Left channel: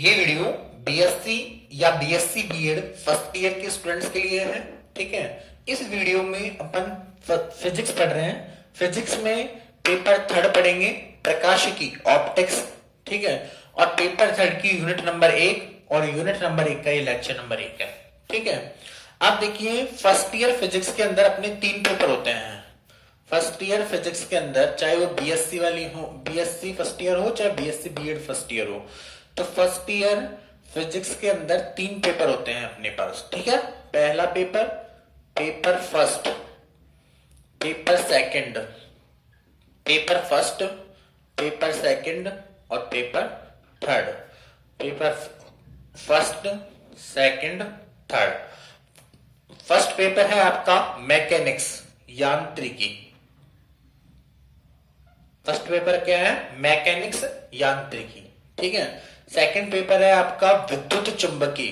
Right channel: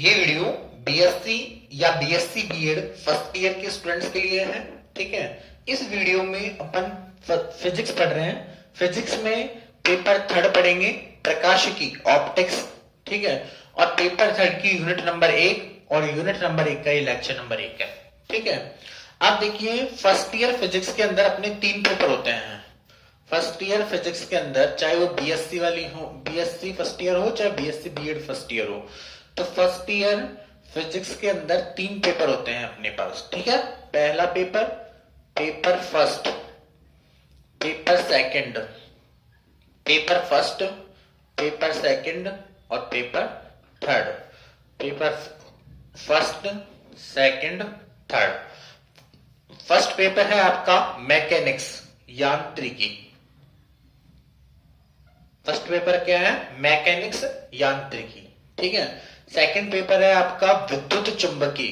ये video BSc या BSc BEd first year के स्टूडेंट्स के लिए है। ठीक है, इस वीडियो में अपन फिजिक्स पढ़ रहे हैं। फिजिक्स में पेपर थर्ड पढ़ेंगे, प्रकाशिकी ऑप्टिक्स। ठीक है, और पेपर थर्ड की यूनिट नंबर 1 और यूनिट नंबर 1 का ये लेक्चर नंबर 1 है। ठीक है, आप देखिए फर्स्ट ईयर फिजिक्स के अंदर अपने 3 पेपर होते हैं। फर्स्ट ईयर फिजिक्स के अंदर चाहे वो बीएससी वाली हो, बीएससी फर्स्ट ईयर हो, चाहे बीएससी बीएड फर्स्ट ईयर हो, तो फर्स्ट ईयर फिजिक्स के अंदर 3 पेपर होते हैं अपने पास। ठीक है, पहला paper, paper first, paper second, paper first, paper second और paper third. Paper first, second, third. First paper है आपका मैकेनिक्स, यांत्रिकी। फर्स्ट पेपर क्या है? मैकेनिक्स, यांत्रिकी। ठीक है, सेकंड पेपर है आपका विद्युत चुंबकी,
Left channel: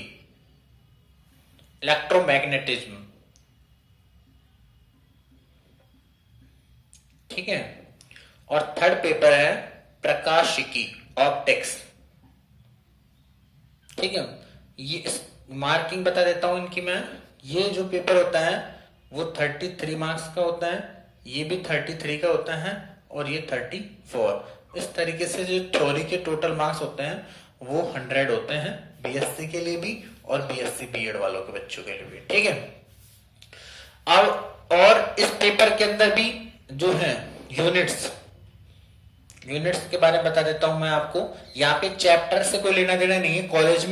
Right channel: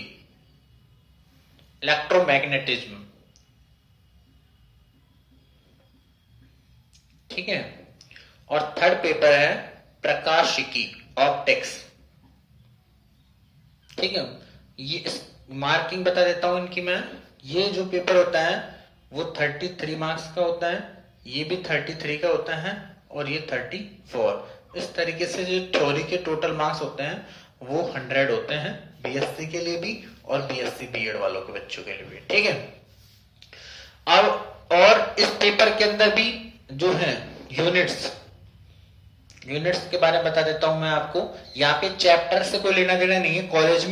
इलेक्ट्रोमैग्नेटिज्म। ठीक है, और थर्ड पेपर है प्रकाशिकी, ऑप्टिक्स। ठीक है, ये मार्किंग बता देता हूं इनकी मैं। ये जो पेपर होता है वो 33 मार्क्स का होता है, ये भी 33 का होता है और ये 34। इस तरीके से जो थ्योरी के टोटल मार्क्स होते हैं वो 100 होते हैं, बीएससी के लिए भी और बीएससी बीएड वालों के बच्चों के लिए भी। ठीक है, अब और इस पेपर के अंदर भी जो है यूनिट्स के बारे में बता देता हूं मैं आपको। यहाँ पे चैप्टर से कोई लेना देना नहीं है। कॉलेज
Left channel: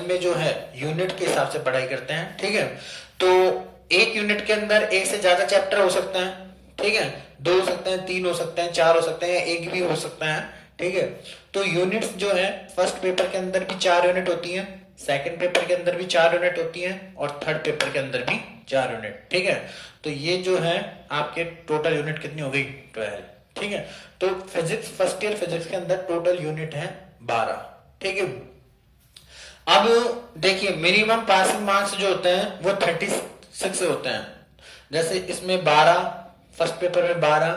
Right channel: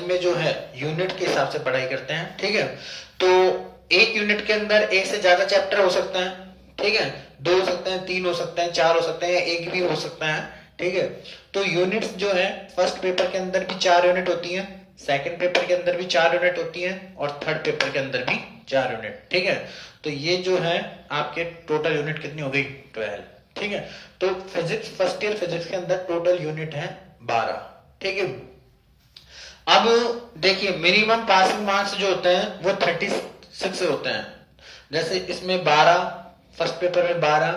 में जो है यूनिट के हिसाब से पढ़ाई करते हैं। ठीक है, तो एक यूनिट के अंदर एक से ज्यादा चैप्टर हो सकते हैं। ठीक है, 2 हो सकते हैं, 3 हो सकते हैं, 4 हो सकते हैं, या एक भी हो सकता है। ठीक है, तो यूनिट्स जो है फर्स्ट पेपर के अंदर भी 4 यूनिट होती है, सेकंड पेपर के अंदर भी 4 यूनिट होती है और थर्ड पेपर के अंदर भी 4 यूनिट। ठीक है, तो ये जो है आपके टोटल यूनिट कितनी हो गई? 12। ठीक है, तो फिजिक्स फर्स्ट ईयर फिजिक्स के अंदर टोटल यूनिट है 12। ठीक है, अब देखिए मिनिमम पासिंग मार्क्स जो होते हैं वो 36 होते हैं। जैसे इसमें 12, फर्स्ट पेपर में 12,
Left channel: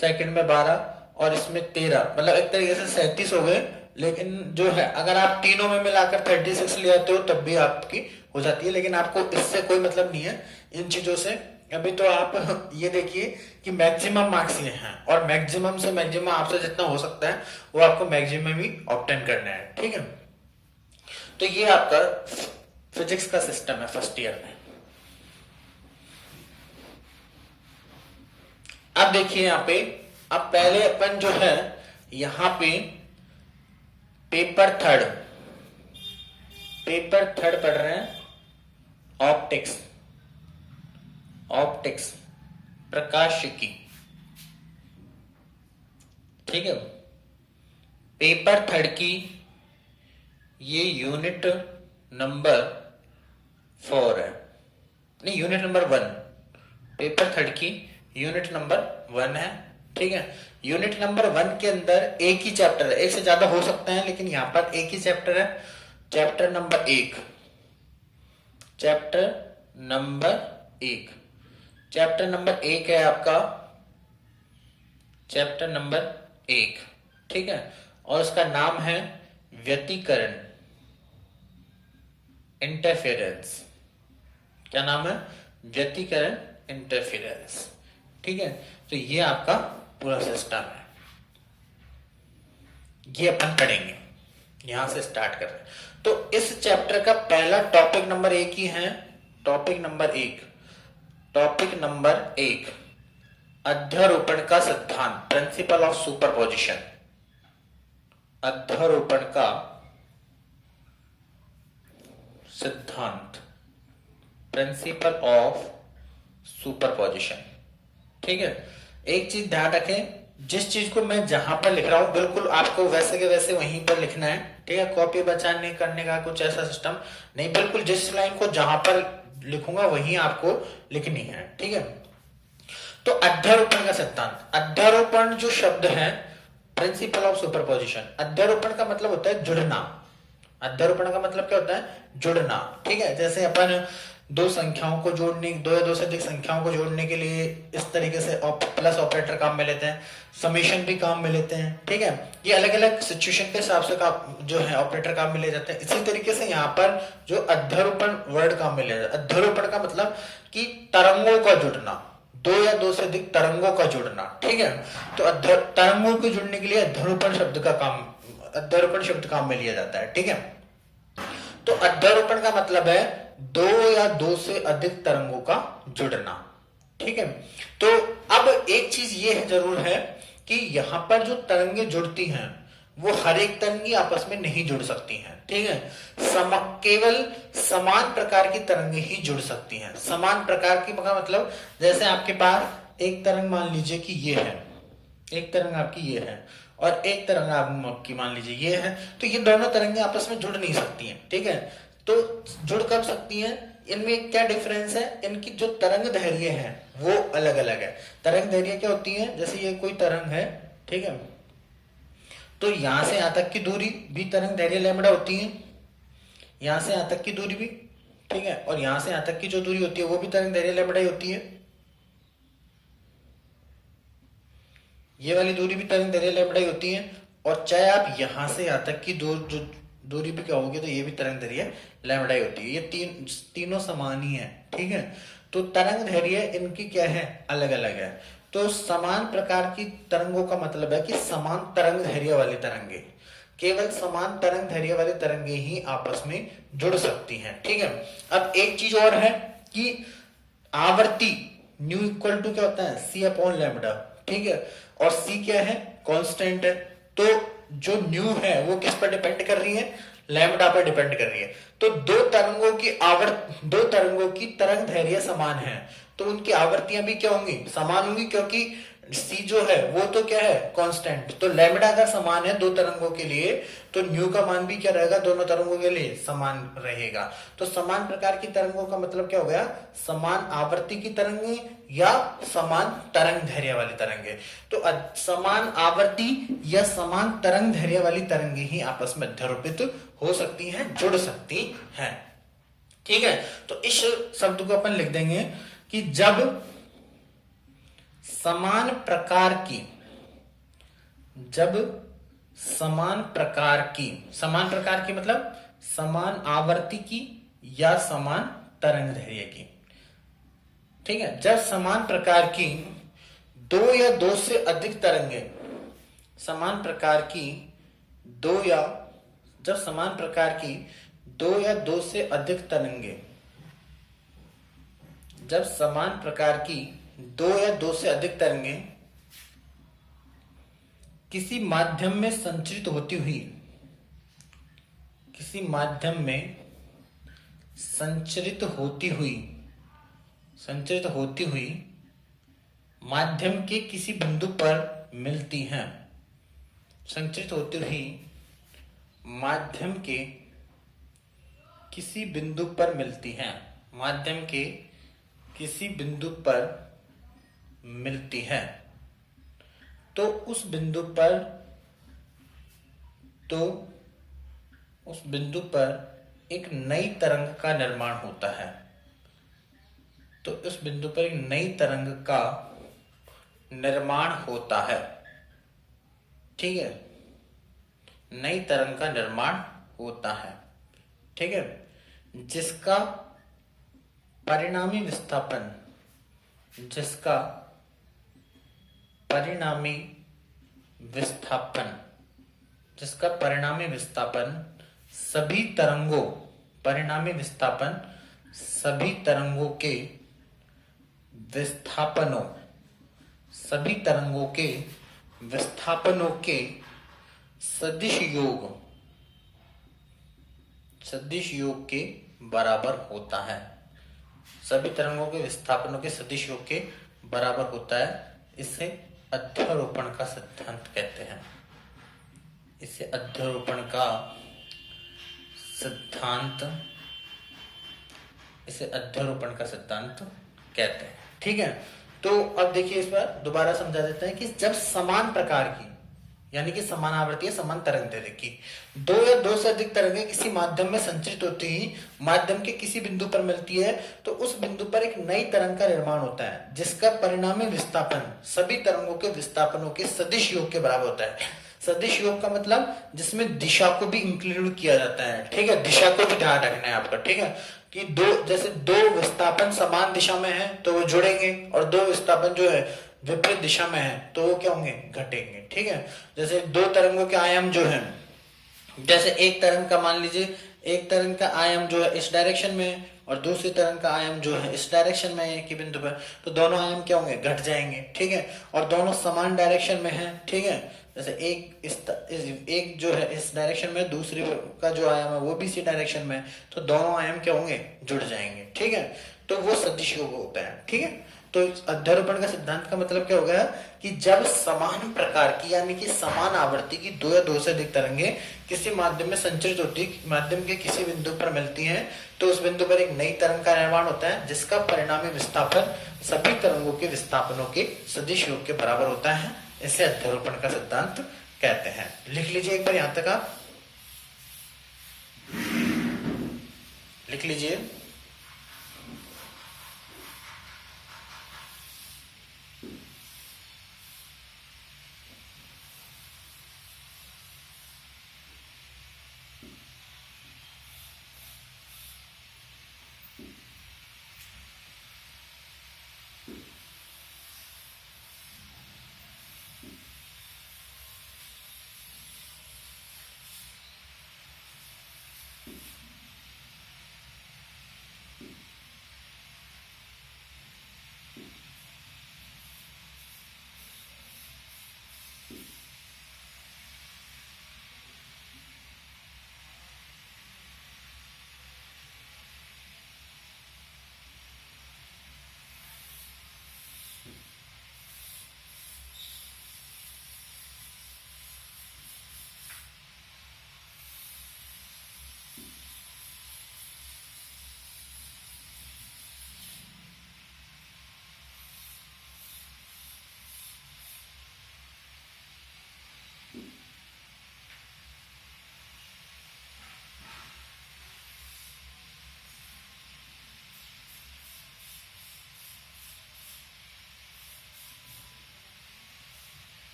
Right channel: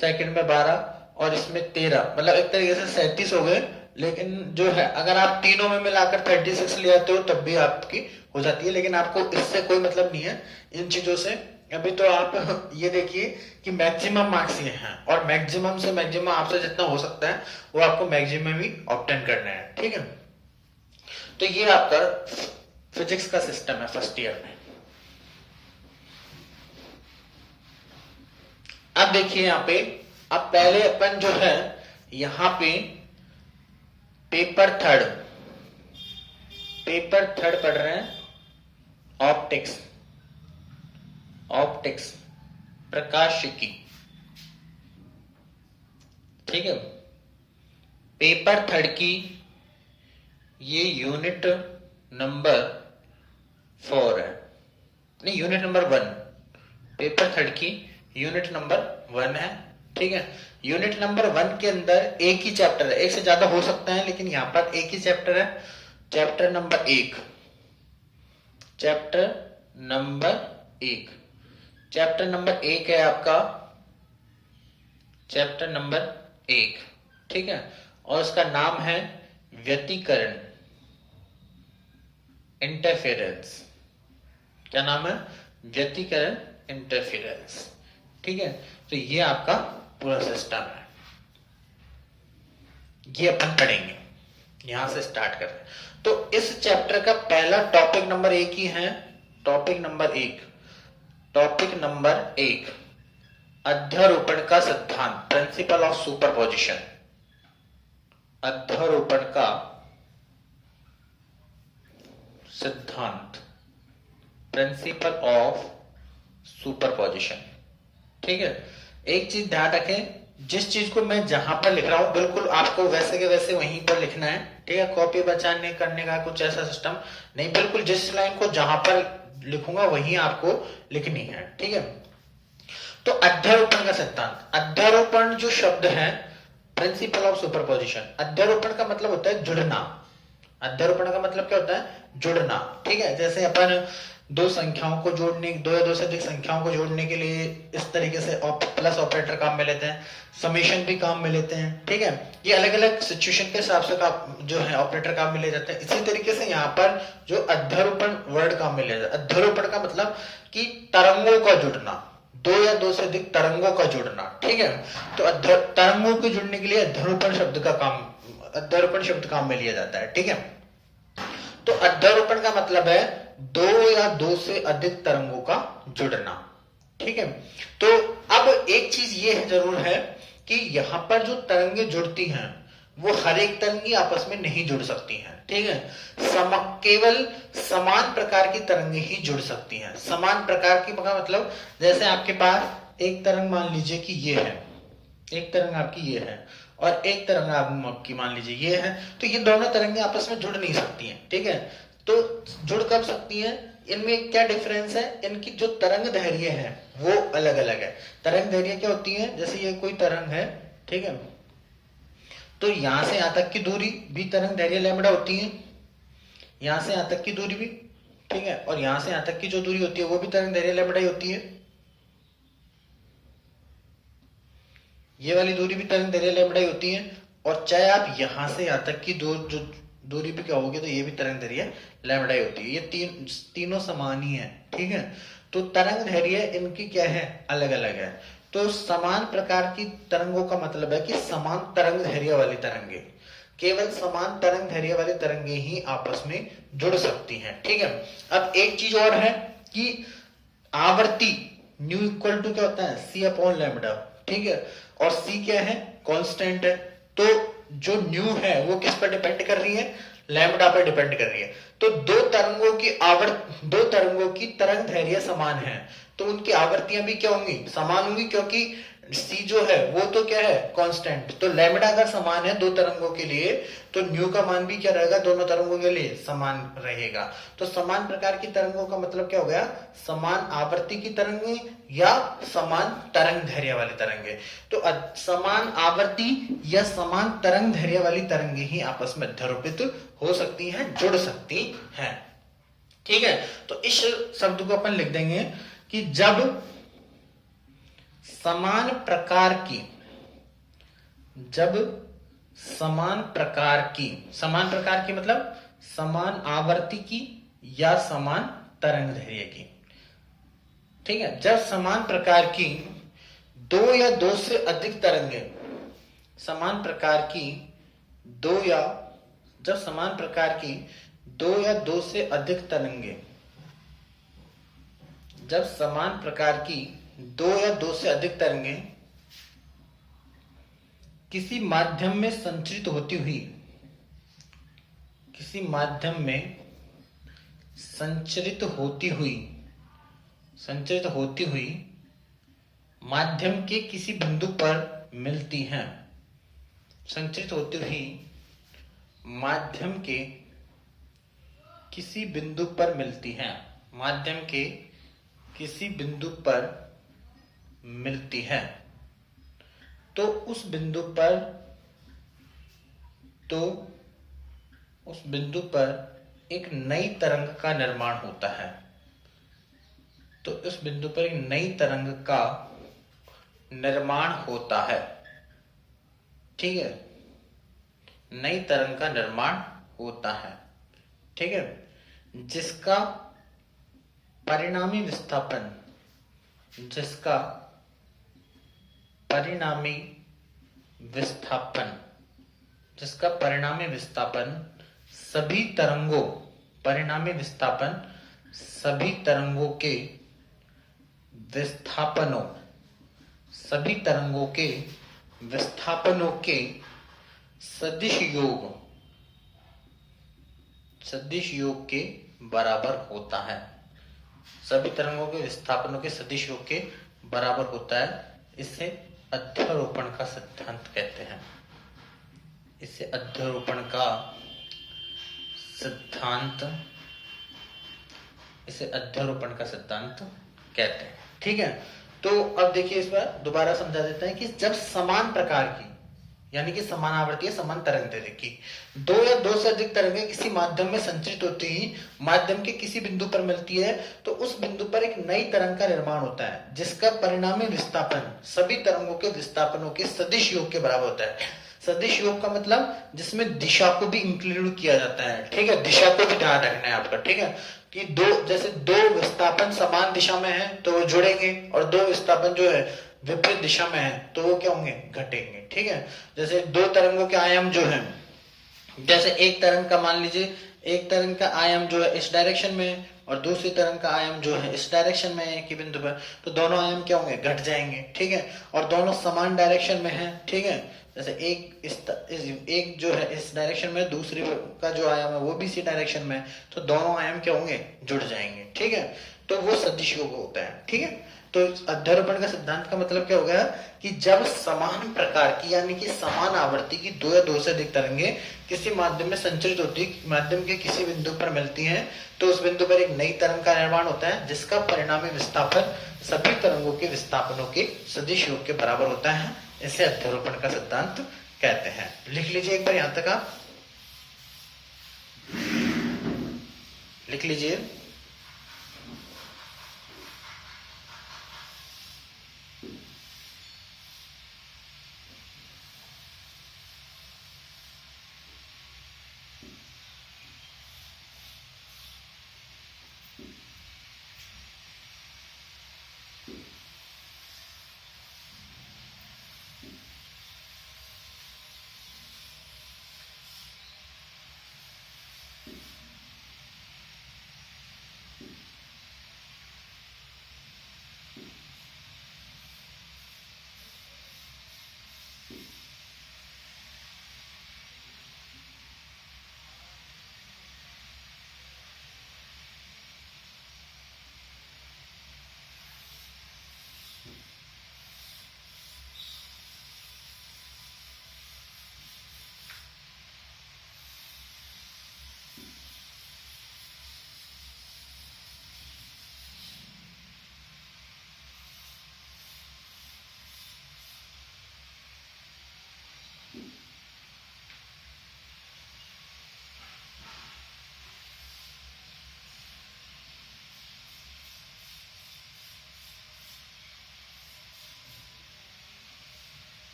सेकंड में 12 और इसमें 13, मतलब एक तरीके से 37 हो गए। लेकिन जो है अगर आप तीनों में मिलाकर 36 ले आते हो तब भी आपकी हो जाती है, लेकिन आपको इससे कोई मतलब नहीं है इन चीजों से। अभी तो आप ये देखिए कि मैक्सिमम मार्क्स ये हैं और मैक्सिमम से मैक्सिमम आपसे जितना हो सकता है वो आपको मैक्सिमम ही ऑब्टेन करना है। ठीक है, तो ये आपका फिजिक्स का सिस्टम है फर्स्ट ईयर में। अब देखिए यहां पे, अब पहले अपन जो है यहां पे पेपर थर्ड पढ़ रहे हैं, ऑप्टिक्स, प्रकाशिकी। ठीक है, पेपर थर्ड की ये यूनिट नंबर 4 है, नहीं यूनिट नंबर 1। पेपर थर्ड की यूनिट नंबर 1 है। ठीक है, यूनिट नंबर 1 के अंदर एक ही चैप्टर है, एक से ज्यादा हो सकता है लेकिन यहां पर एक ही चैप्टर है। चैप्टर नंबर 1, चैप्टर नंबर 1 है आपका, चैप्टर नंबर 1। ठीक है, और उसका नाम है व्यतिकरण, इंटरफेरेंस। क्या नाम है? व्यतिकरण, इंटरफेरेंस। ठीक है, तो ये आपका पूरा सिस्टम है, ये अपन पढ़ेंगे। यहां से स्टार्ट कर रहे हैं। तो इस चैप्टर का पहला टॉपिक नंबर 1 ही है। टॉपिक नंबर 1 अध्यारोपण का सिद्धांत, प्रिंसिपल ऑफ सुपरपोजिशन। अध्यारोपण का सिद्धांत, प्रिंसिपल ऑफ सुपरपोजिशन। ठीक है, एक चीज ध्यान रखें, जिस चीज को मैं जहां पर लिख रहा हूं बिल्कुल आपको वैसे के वैसे वहीं पर लिखना है। ठीक है, कॉपी बचाने करने का कुछ ऐसा सिस्टम नहीं, बिल्कुल जिस लाइन को जहां पर लिखूंगा वहीं आपको लिखनी है। ठीक है, तो अध्यारोपण का सिद्धांत, अध्यारोपण जो शब्द है, प्रिंसिपल ऑफ सुपरपोजिशन। अध्यारोपण का मतलब होता है जुड़ना। अध्यारोपण का मतलब क्या होता है? जुड़ना। ठीक है, जैसे अपन दो संख्याओं को जोड़ने, दो या दो से अधिक संख्याओं को जोड़ने के लिए इस तरीके से प्लस ऑपरेटर काम में लेते हैं, समेशन भी काम में लेते हैं, ठीक है। ये अलग अलग सिचुएशन के हिसाब से जो है ऑपरेटर काम में ले जाते हैं। इसी तरीके से यहाँ पर जो अध्यारोपण वर्ड काम में ले जाता है। अध्यारोपण का मतलब कि तरंगों का जुड़ना, दो या दो से अधिक तरंगों का जुड़ना, ठीक है। तो तरंगों के जुड़ने के लिए अध्यारोपण शब्द काम में लिया जाता है, ठीक है। तो अध्यारोपण का मतलब है दो या दो से अधिक तरंगों का जुड़ना, ठीक है। तो अब एक चीज ये है जरूर है कि यहां पर जो तरंगे जुड़ती हैं वो हर एक तरंगी आपस में नहीं जुड़ सकती हैं, ठीक है। केवल समान प्रकार की तरंगे ही जुड़ सकती हैं। समान प्रकार की मतलब जैसे आपके पास एक तरंग मान लीजिए कि ये है, एक तरंग आपकी ये है और एक तरंग आपकी मान लीजिए ये है, तो ये दोनों तरंगे आपस में जुड़ नहीं सकती हैं, ठीक है। तो जुड़ कब सकती हैं? इनमें क्या डिफरेंस है? इनकी जो तरंग दैर्घ्य है वो अलग अलग है। तरंग दैर्घ्य क्या होती है? जैसे ये कोई तरंग है, ठीक है, तो यहां से यहां तक की दूरी भी तरंग दैर्घ्य लैम्बडा होती है, यहां से यहां तक की दूरी भी, ठीक है, और यहां से यहां तक की जो दूरी होती है वो भी तरंग दैर्घ्य लैम्बडा ही होती है। ये वाली दूरी भी तरंग दैर्घ्य लैम्बडा ही होती है। और चाहे आप यहां से यहां तक की जो दूरी भी क्या होगी तो ये भी तरंग दैर्घ्य लैम्बडा ही होती है। ये तीनों समान ही है, ठीक है। तो तरंग दैर्घ्य इनकी क्या है? अलग अलग है। तो समान प्रकार की तरंगों का मतलब है कि समान तरंग दैर्घ्य वाली तरंगे, केवल समान तरंग दैर्घ्य वाली तरंगे ही आपस में जुड़ सकती हैं, ठीक है। अब एक चीज और है कि आवर्ती न्यू इक्वल टू क्या होता है? सी अपॉन लैम्बडा, ठीक है। और सी क्या है? कांस्टेंट है। तो जो न्यू है वो किस पर डिपेंड कर रही है? लैम्बडा पर डिपेंड कर रही है। तो दो तरंगों की तरंग दैर्घ्य समान है तो उनकी आवर्तियां भी क्या होंगी? समान होंगी, क्योंकि सी जो है वो तो क्या है? कांस्टेंट। तो लैम्बडा अगर समान है दो तरंगों के लिए तो न्यू का मान भी क्या रहेगा? दोनों तरंगों के लिए समान रहेगा। तो समान प्रकार की तरंगों का मतलब क्या हो गया? समान आवर्ती की तरंगे या समान तरंग दैर्घ्य वाली तरंगे। तो समान आवर्ती या समान तरंग दैर्घ्य वाली तरंगे ही आपस में अध्यारोपित हो सकती हैं, जुड़ सकती हैं, ठीक है। तो इस शब्द को अपन लिख देंगे कि जब समान प्रकार की मतलब समान आवर्ती की या समान तरंग दैर्घ्य की, ठीक है। जब समान प्रकार की दो या दो से अधिक तरंगे, समान प्रकार की जब समान प्रकार की दो या दो से अधिक तरंगे, जब समान प्रकार की दो या दो से अधिक तरंगे किसी माध्यम में संचरित होती हुई माध्यम के किसी बिंदु पर मिलती हैं, संचरित होती हुई माध्यम के किसी बिंदु पर मिलती हैं, माध्यम के किसी बिंदु पर मिलती हैं, तो उस बिंदु पर एक नई तरंग का निर्माण होता है। तो उस बिंदु पर एक नई तरंग का निर्माण होता है, ठीक है, नई तरंग का निर्माण होता है, ठीक है, जिसका परिणामी विस्थापन सभी तरंगों के विस्थापनों के सदिश योग के बराबर होता है। सभी तरंगों के विस्थापनों के सदिश योग के बराबर होता है। इसे अध्यारोपण का सिद्धांत कहते हैं। इसे अध्यारोपण का सिद्धांत कहते हैं, ठीक है। तो अब देखिए इस बार दोबारा समझा देते हैं कि जब समान प्रकार की यानी कि समान आवर्ती या समान तरंग दैर्ध्य की। दो या दो से अधिक तरंगें किसी माध्यम में संचरित होती ही माध्यम के किसी बिंदु पर मिलती है तो उस बिंदु पर एक नई तरंग का निर्माण होता है जिसका परिणामी विस्थापन सभी तरंगों के विस्थापनों के सदिश योग के बराबर होता है। सदिश योग का मतलब जिसमें दिशा को भी इंक्लूड किया जाता है, ठीक है, दिशा को भी ध्यान रखना है आपका, ठीक है, कि जैसे दो विस्थापन समान दिशा में है तो वो जुड़ेंगे और दो विस्थापन जो है विपरीत दिशा में है तो वो क्या होंगे, घटेंगे, ठीक है। जैसे दो तरंगों के आयाम जो है, जैसे एक तरंग का मान लीजिए एक तरंग का आयाम जो है इस डायरेक्शन में है और दूसरी तरंग का आयाम जो है इस डायरेक्शन में है एक ही बिंदु पर, तो दोनों आयाम क्या होंगे, घट जाएंगे, ठीक है, और दोनों समान डायरेक्शन में है, ठीक है। जैसे एक जो है इस डायरेक्शन में, दूसरी का जो आयाम है वो भी इसी डायरेक्शन में है, तो दोनों आयाम क्या होंगे, जुड़ जाएंगे, ठीक है। तो वो सदिश योग होता है, ठीक है। तो अध्यारोपण का सिद्धांत का मतलब क्या होगा कि जब समान प्रकार की यानी कि समान आवर्ती की दो या दो से अधिक तरंगे किसी माध्यम में संचरित होती, माध्यम के किसी बिंदु पर मिलती हैं तो उस बिंदु पर एक नई तरंग का निर्माण होता है जिसका परिणामी विस्थापन सभी तरंगों के विस्थापनों के सदिश योग के बराबर होता है। इसे अध्यारोपण का सिद्धांत कहते हैं। लिख लीजिए एक बार यहां तक, आप लिख लीजिए।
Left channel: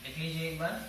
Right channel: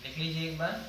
लिख लीजिए एक बार।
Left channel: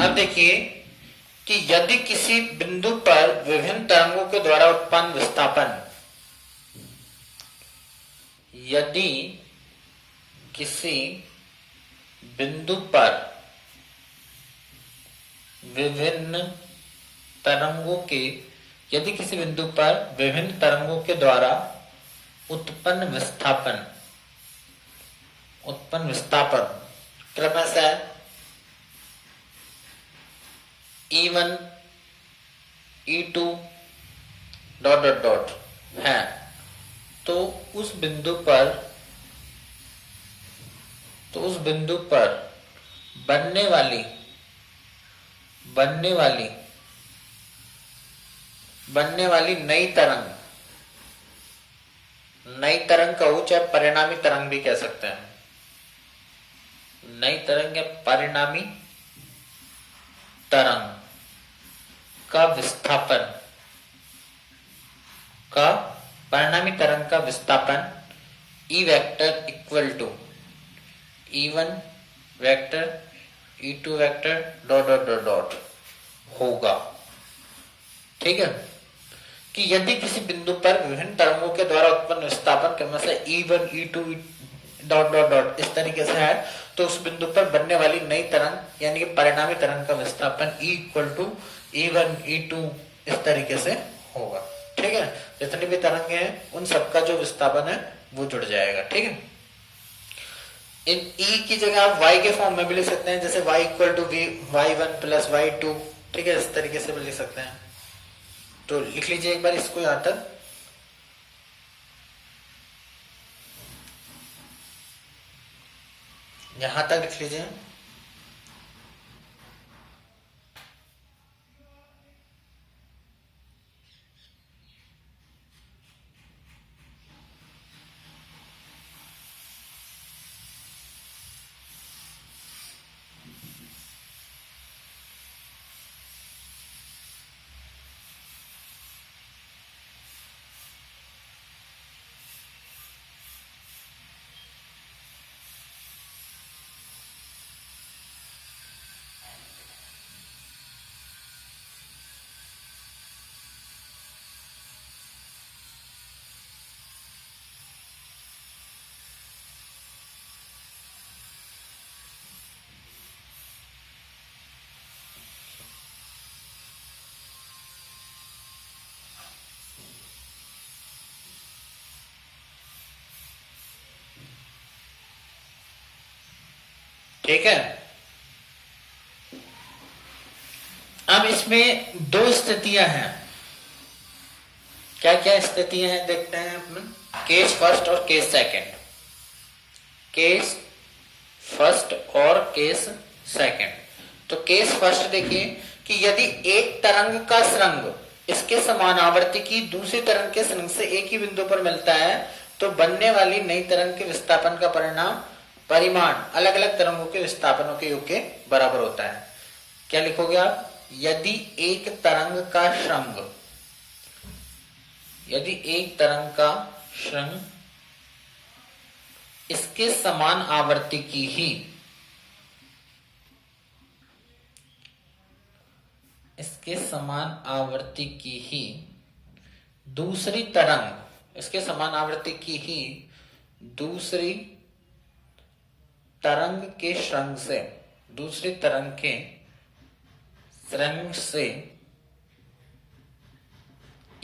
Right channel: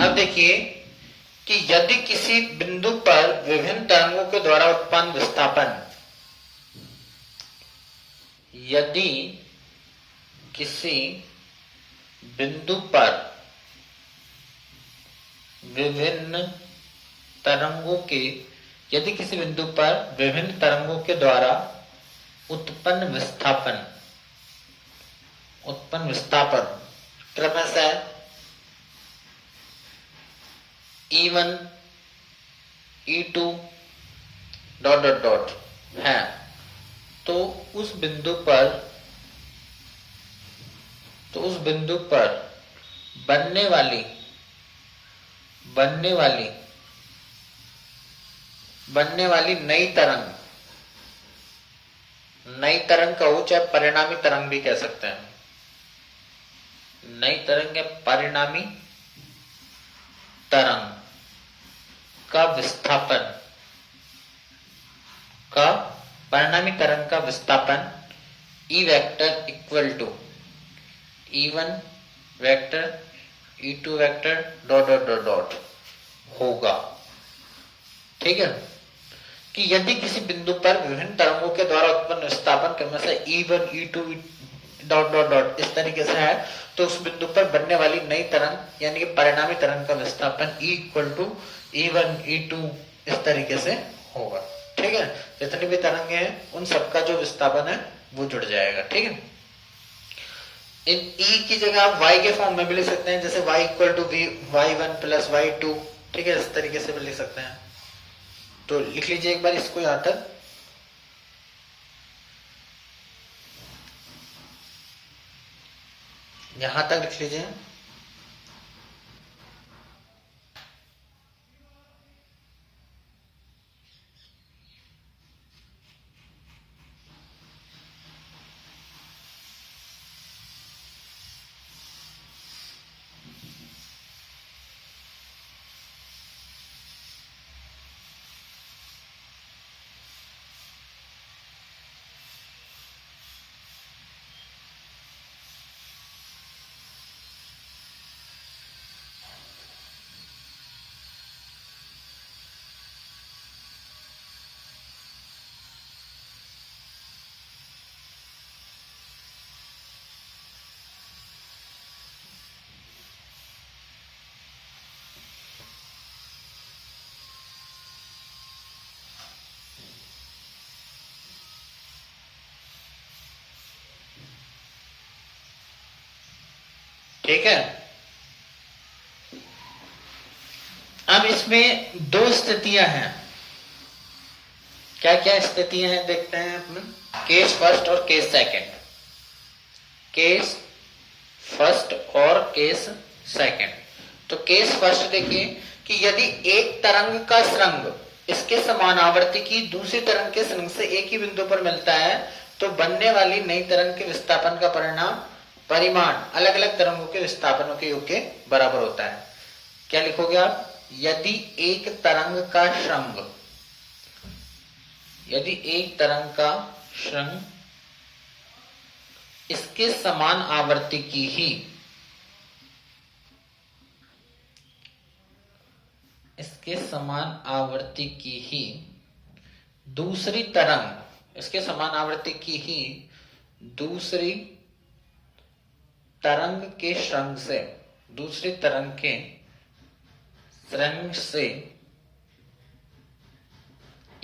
अब देखिए कि यदि किसी बिंदु पर विभिन्न तरंगों के द्वारा उत्पन्न विस्थापन, यदि किसी बिंदु पर विभिन्न तरंगों के, यदि किसी बिंदु पर विभिन्न तरंगों के द्वारा उत्पन्न विस्थापन क्रमशः E1 E2 dot dot dot है तो उस बिंदु पर बनने वाली नई तरंग नई तरंग कहो चाहे परिणामी तरंग भी कह सकते हैं, नई तरंग या परिणामी तरंग का विस्थापन का परिणामी तरंग का विस्थापन E vector equal to E1 vector E2 vector dot dot dot dot होगा। ठीक है, कि यदि किसी बिंदु पर विभिन्न तरंगों के द्वारा उत्पन्न विस्थापन क्रम से E1 E2 dot dot dot इस तरीके से है, तो उस बिंदु पर बनने वाली नई तरंग यानी कि परिणामी तरंग का विस्थापन E equal to E1 E2 इस तरीके से होगा। ठीक है, जितनी भी तरंगे हैं उन सबका जो विस्थापन है वो जुड़ जाएगा। ठीक है, इन E की जगह आप Y के फॉर्म में भी लिख सकते हैं, जैसे Y equal to Y1 plus Y2। ठीक है, इस तरीके से भी लिख सकते हैं। तो लिख लीजिए एक बार इसको यहां तक। यहां तक लिख लीजिए। ठीक है, अब इसमें दो स्थितियां हैं। क्या क्या स्थितियां हैं देखते हैं अपन। केस फर्स्ट और केस सेकंड। केस फर्स्ट और केस सेकंड। तो केस फर्स्ट देखिए कि यदि एक तरंग का स्रंग इसके समान आवर्ती की दूसरी तरंग के स्रंग से एक ही बिंदु पर मिलता है, तो बनने वाली नई तरंग के विस्थापन का परिमाण अलग अलग तरंगों के विस्थापनों के योग के बराबर होता है। क्या लिखोगे आप? यदि एक तरंग का श्रृंग, यदि एक तरंग का श्रृंग इसके समान आवर्ती की ही, इसके समान आवर्ती की ही दूसरी तरंग, इसके समान आवर्ती की ही दूसरी तरंग के श्रृंग से, दूसरी तरंग के श्रृंग से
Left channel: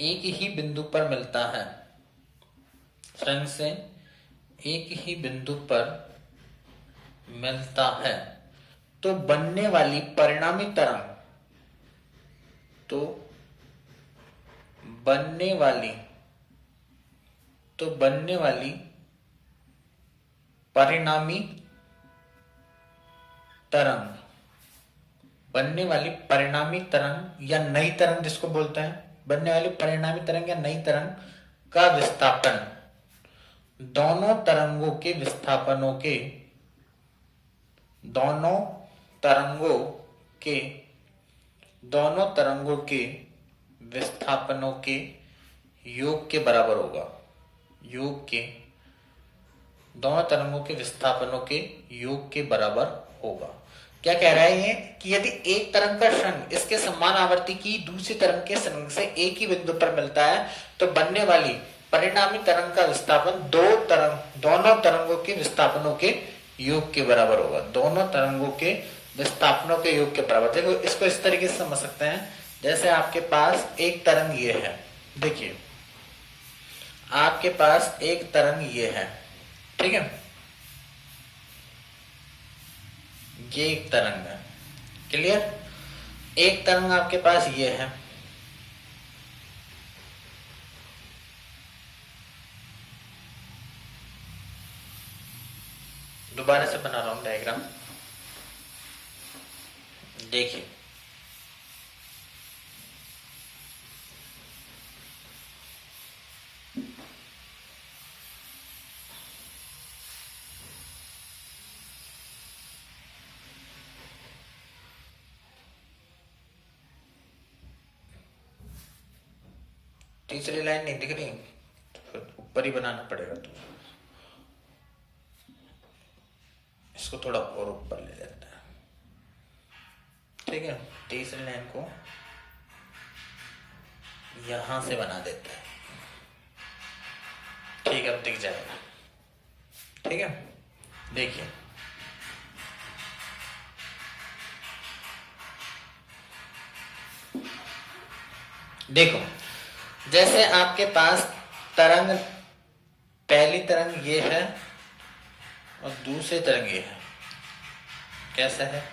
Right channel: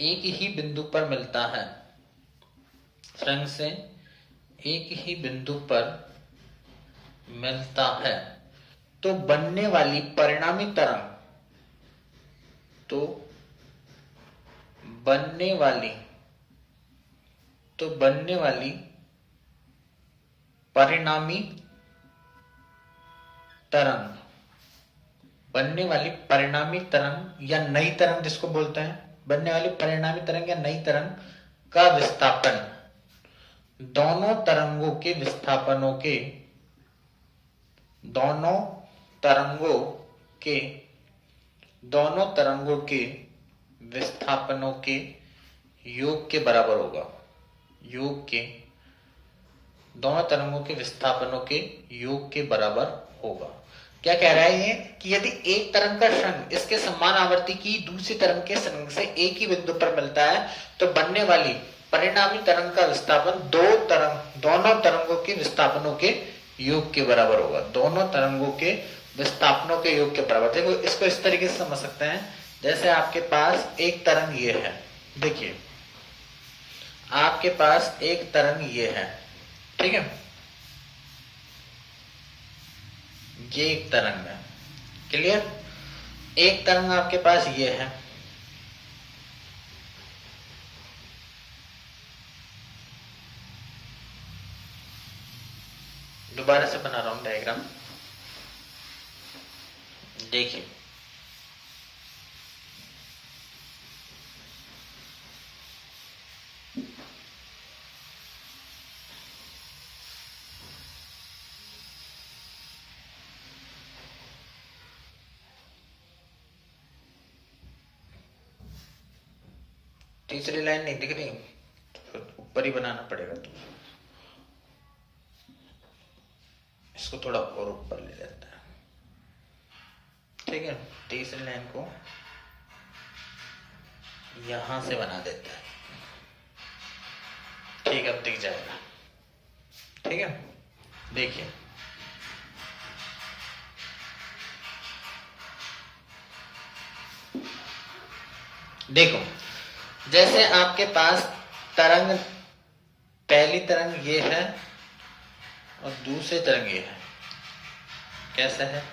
एक ही बिंदु पर मिलता है, श्रृंग से एक ही बिंदु पर मिलता है, तो बनने वाली परिणामी तरंग, तो बनने वाली परिणामी तरंग, बनने वाली परिणामी तरंग या नई तरंग जिसको बोलते हैं, बनने वाली परिणामी तरंग या नई तरंग का विस्थापन दोनों तरंगों के विस्थापनों के, दोनों तरंगों के विस्थापनों के योग के बराबर होगा। योग के, दोनों तरंगों के विस्थापनों के योग के बराबर होगा। क्या कह रहा है ये कि यदि एक तरंग का श्रृंग इसके समान आवर्ती की दूसरी तरंग के श्रृंग से एक ही बिंदु पर मिलता है, तो बनने वाली परिणामी तरंग का विस्थापन दोनों तरंगों के विस्थापनों के योग के बराबर होगा। दोनों तरंगों के विस्थापनों के योग के बराबर। देखो इसको इस तरीके से समझ सकते हैं, जैसे आपके पास एक तरंग ये है, देखिए आपके पास एक तरंग ये है, ठीक है, ये एक तरंग है, क्लियर। एक तरंग आपके पास ये है, दोबारा से बना रहा हूं डायग्राम, देखिए तीसरी लाइन नहीं दिख रही, तो ऊपर ही बनाना पड़ेगा। तो इसको थोड़ा और ऊपर ले लेते हैं, ठीक है। तीसरी लाइन को यहां से बना देते हैं, ठीक है, अब दिख जाएगा, ठीक है। देखिए देखो, जैसे आपके पास तरंग, पहली तरंग ये है और दूसरी तरंग ये है, कैसा है?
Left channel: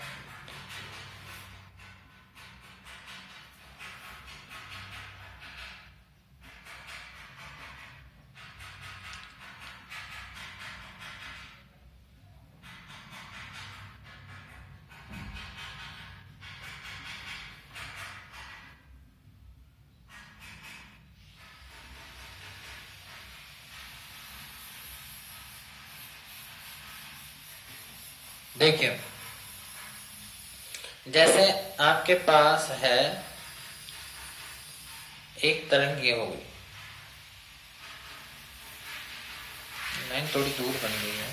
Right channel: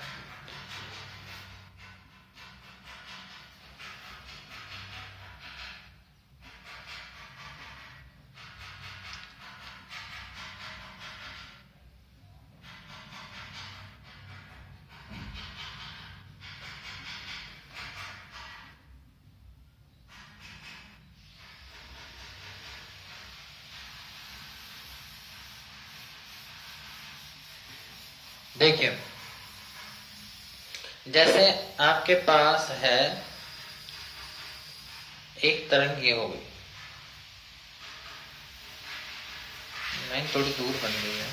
देखिए, जैसे आपके पास है एक तरंग, ये हो गई, लाइन थोड़ी दूर बन गई है,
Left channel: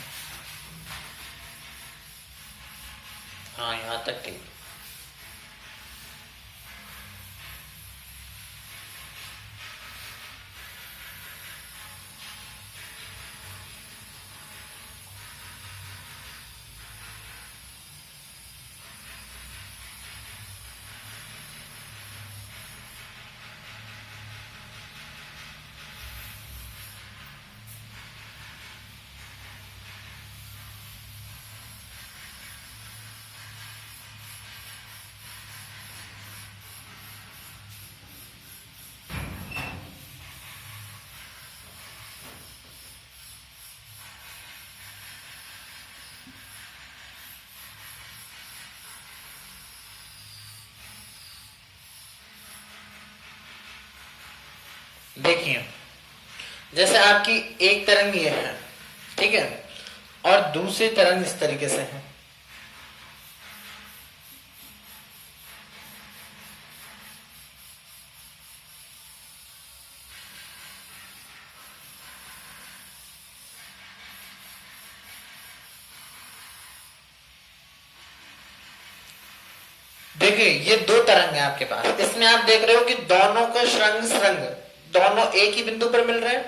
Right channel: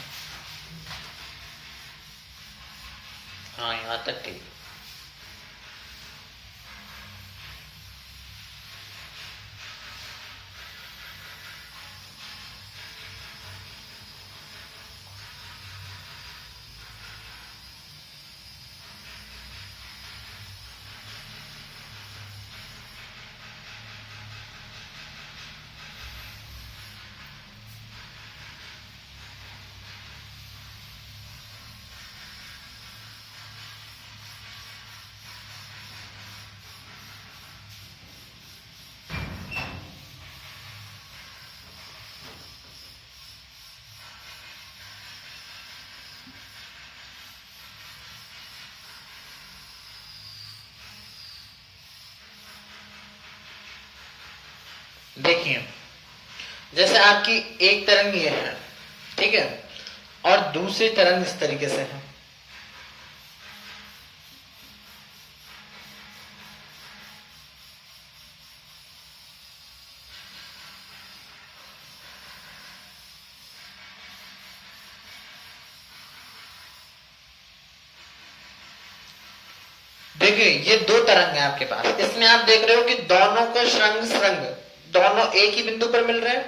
हाँ यहां तक ठीक। देखिए, जैसे आपकी एक तरंग ये है, ठीक है, और दूसरी तरंग इस तरीके से है। देखिए, ये दो तरंग है आपके पास, इसमें आप देख रहे हो कि दोनों का श्रृंग श्रृंग दोनों एक ही बिंदु पर मिल रहे हैं,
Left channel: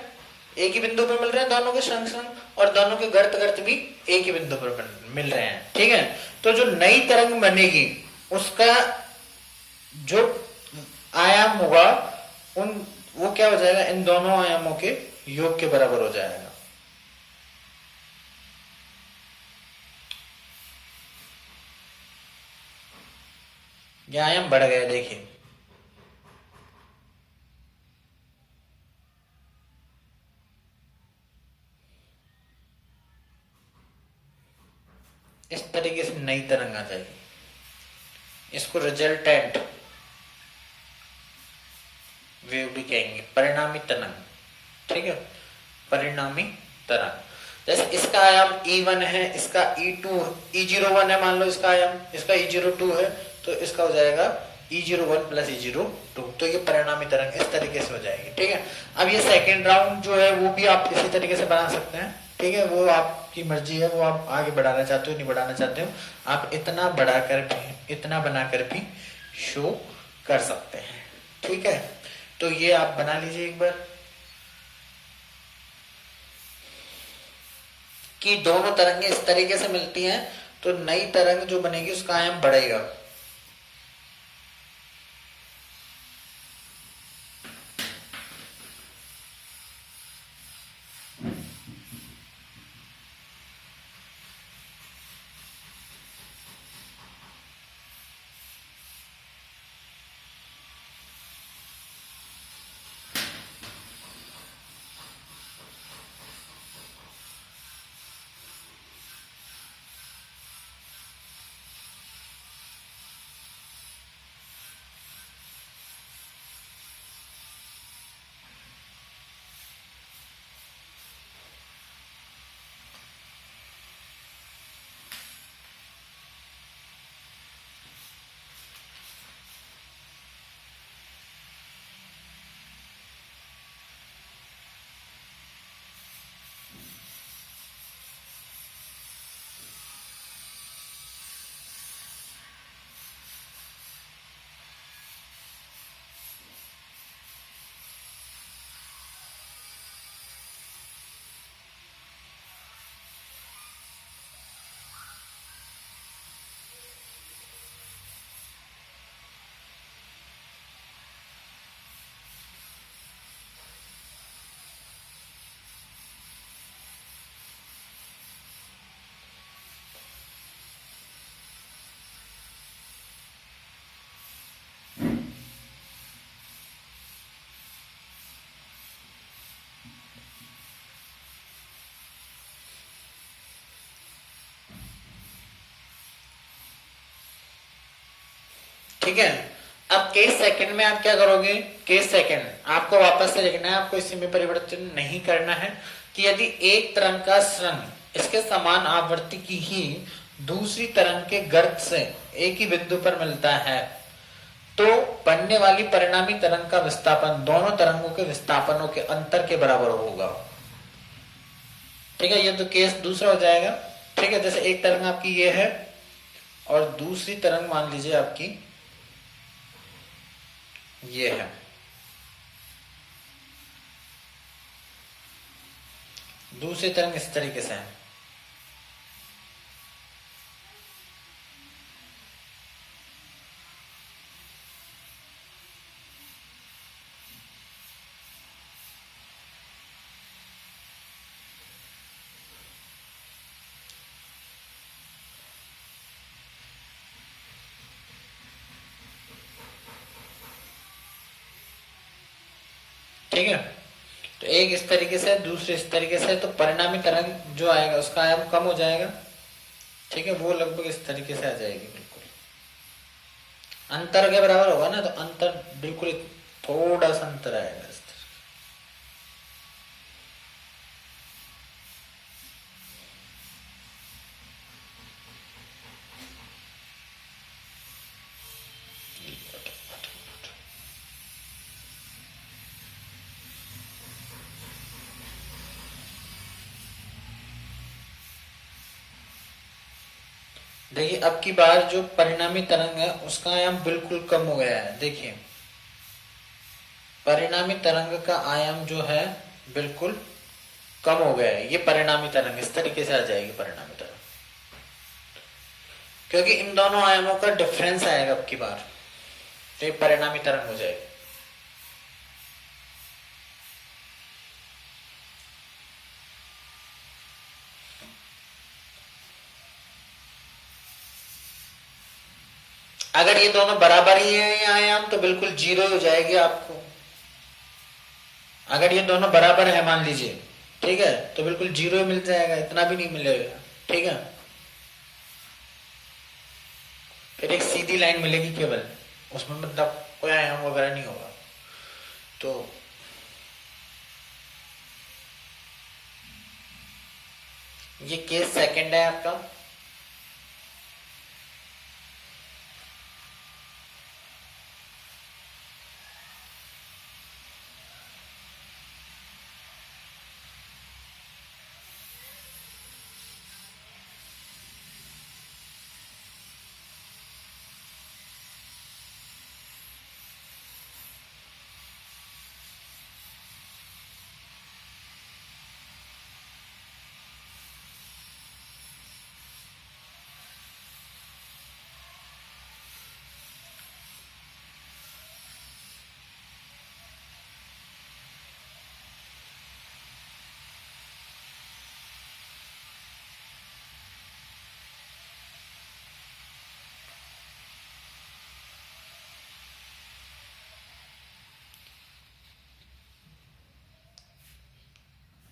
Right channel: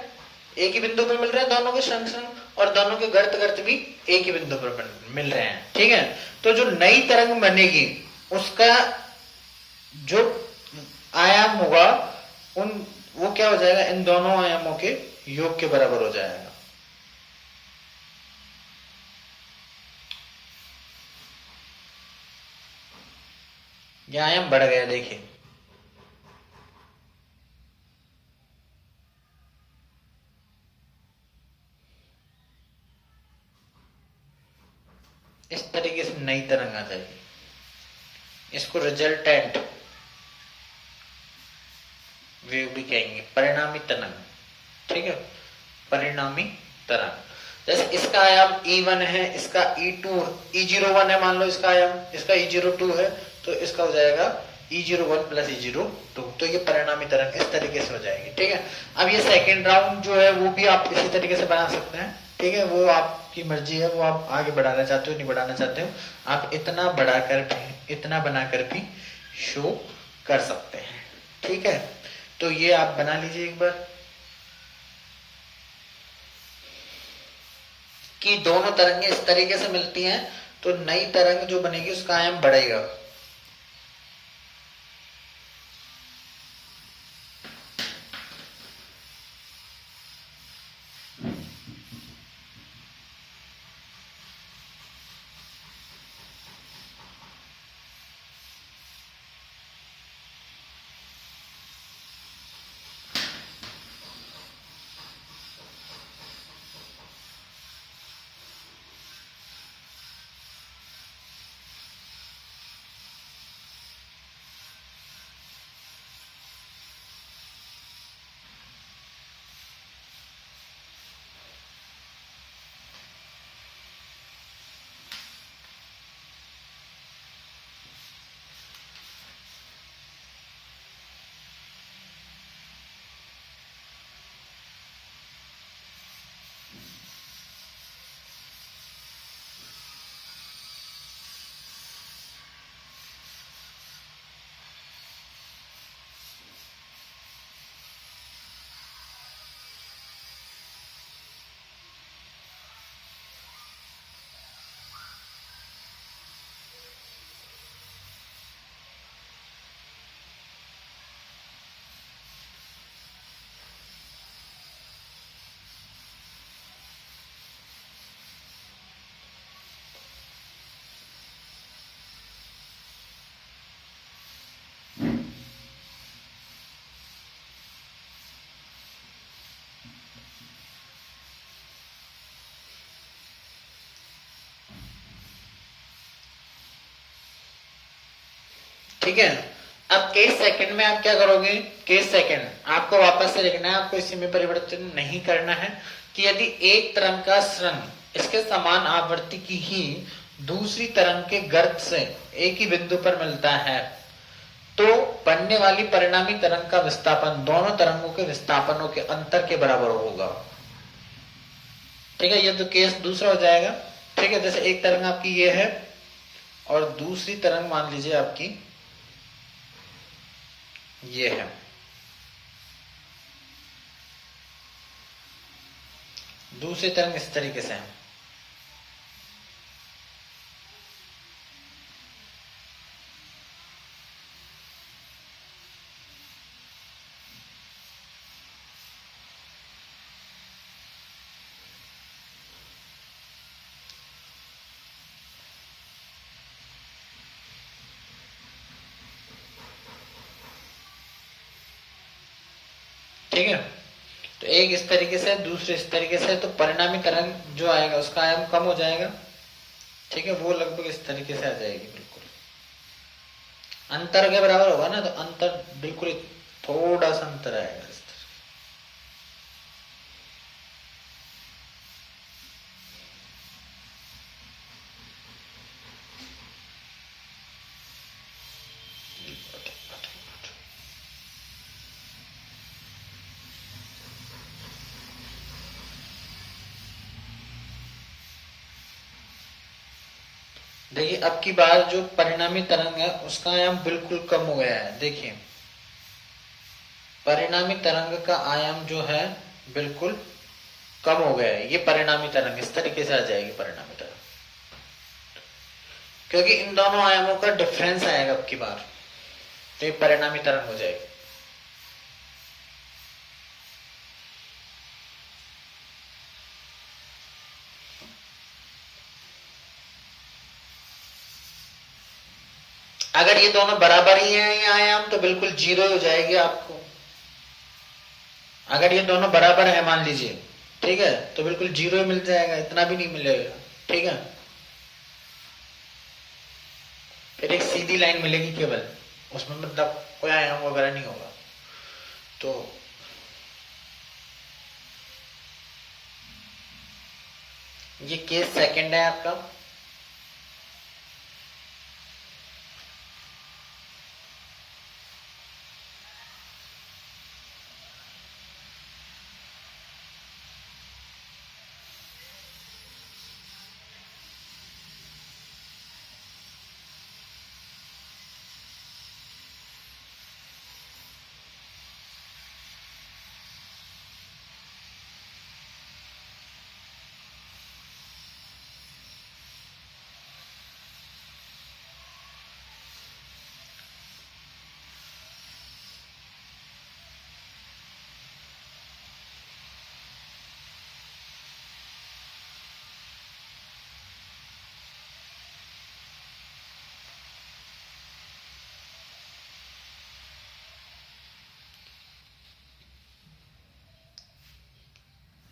एक ही बिंदु पर मिल रहे हैं दोनों के श्रृंग श्रृंग, और दोनों के गर्त गर्त भी एक ही बिंदु पर मिल रहे हैं, ठीक है। तो जो नई तरंग बनेगी उसका जो आयाम होगा, वो क्या हो जाएगा, इन दोनों आयामों के योग के बराबर हो जाएगा। ये आयाम बढ़ गया, देखिए, इस तरीके से नई तरंग आ जाएगी, इसको रिजल्टेंट वेव भी कहेंगे, परिणामी तरंग, ठीक है, परिणामी तरंग। जैसे इसका आयाम E1 है, इसका E2, E01 है मान लो इसका आयाम, इसका E02 है, तो इसका हो जाएगा E01 प्लस E02, तो ये परिणामी तरंग इस तरीके से हो जाएगी, ठीक है। अब ये सेकेंड राउंड जो है वो भी आप इसी तरीके से बना सकते हैं, ठीक है, वो आपकी मर्जी है, वो आप आगे बढ़ाना चाहते हो नहीं बढ़ाना चाहते हो, आप इतना बढ़ाकर भी, इतना बनाकर भी शो कर सकते हैं, ठीक है। तो ये आप बना लीजिए एक बार कि दोनों तरंगे इस तरीके से मिलती हैं, तो नई तरंग जो बनेगी उसका आयाम बढ़ेगा। ठीक है। अब केस सेकंड में आप क्या करोगे, केस सेकंड आपको वापस से लिखना है, आपको इसी में परिवर्तन नहीं करना है कि यदि एक तरंग का स्रंग इसके समान आवृत्ति की ही दूसरी तरंग के गर्त से एक ही बिंदु पर मिलता है तो बनने वाली परिणामी तरंग का विस्थापन दोनों तरंगों के विस्थापनों के अंतर के बराबर होगा। ठीक है, ये तो केस दूसरा हो जाएगा। ठीक है, जैसे एक तरंग आपकी ये है और दूसरी तरंग मान लीजिए आपकी ये है। दूसरी तरंग इस तरीके से है। ठीक है, तो एक इस तरीके से दूसरे इस तरीके से, तो परिणामी तरंग जो आएगा उसका आयाम कम हो जाएगा। ठीक है, वो लगभग इस तरीके से आ जाएगी, बिल्कुल अंतर के बराबर होगा ना, तो अंतर बिल्कुल थोड़ा सा अंतर आएगा इस तरह। देखिए अब की बार जो परिणामी तरंग है उसका आयाम बिल्कुल कम हो गया है। देखिए परिणामी तरंग का आयाम जो है बिल्कुल कम हो गया है। ये परिणामी तरंग इस तरीके से आ जाएगी परिणामी तरंग, क्योंकि इन दोनों आयामों का डिफरेंस आएगा अब की बार, तो ये परिणामी तरंग हो जाएगी। अगर ये दोनों बराबर ही है ये आयाम तो बिल्कुल जीरो हो जाएगी आपको। अगर ये दोनों बराबर है मान लीजिए, ठीक है, तो बिल्कुल जीरो ही मिल जाएगा, इतना भी नहीं मिलेगा। ठीक है, फिर एक सीधी लाइन मिलेगी केवल, उसमें मतलब कोई आयाम वगैरह नहीं होगा। तो ये केस सेकंड है आपका।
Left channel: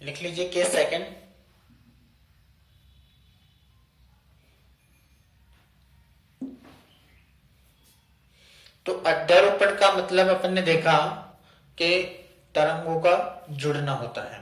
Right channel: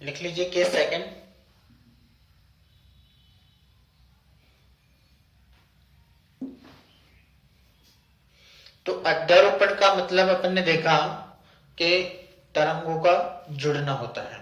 लिख लीजिए केस सेकंड। तो अध्यारोपण का मतलब अपन ने देखा कि तरंगों का जुड़ना होता है।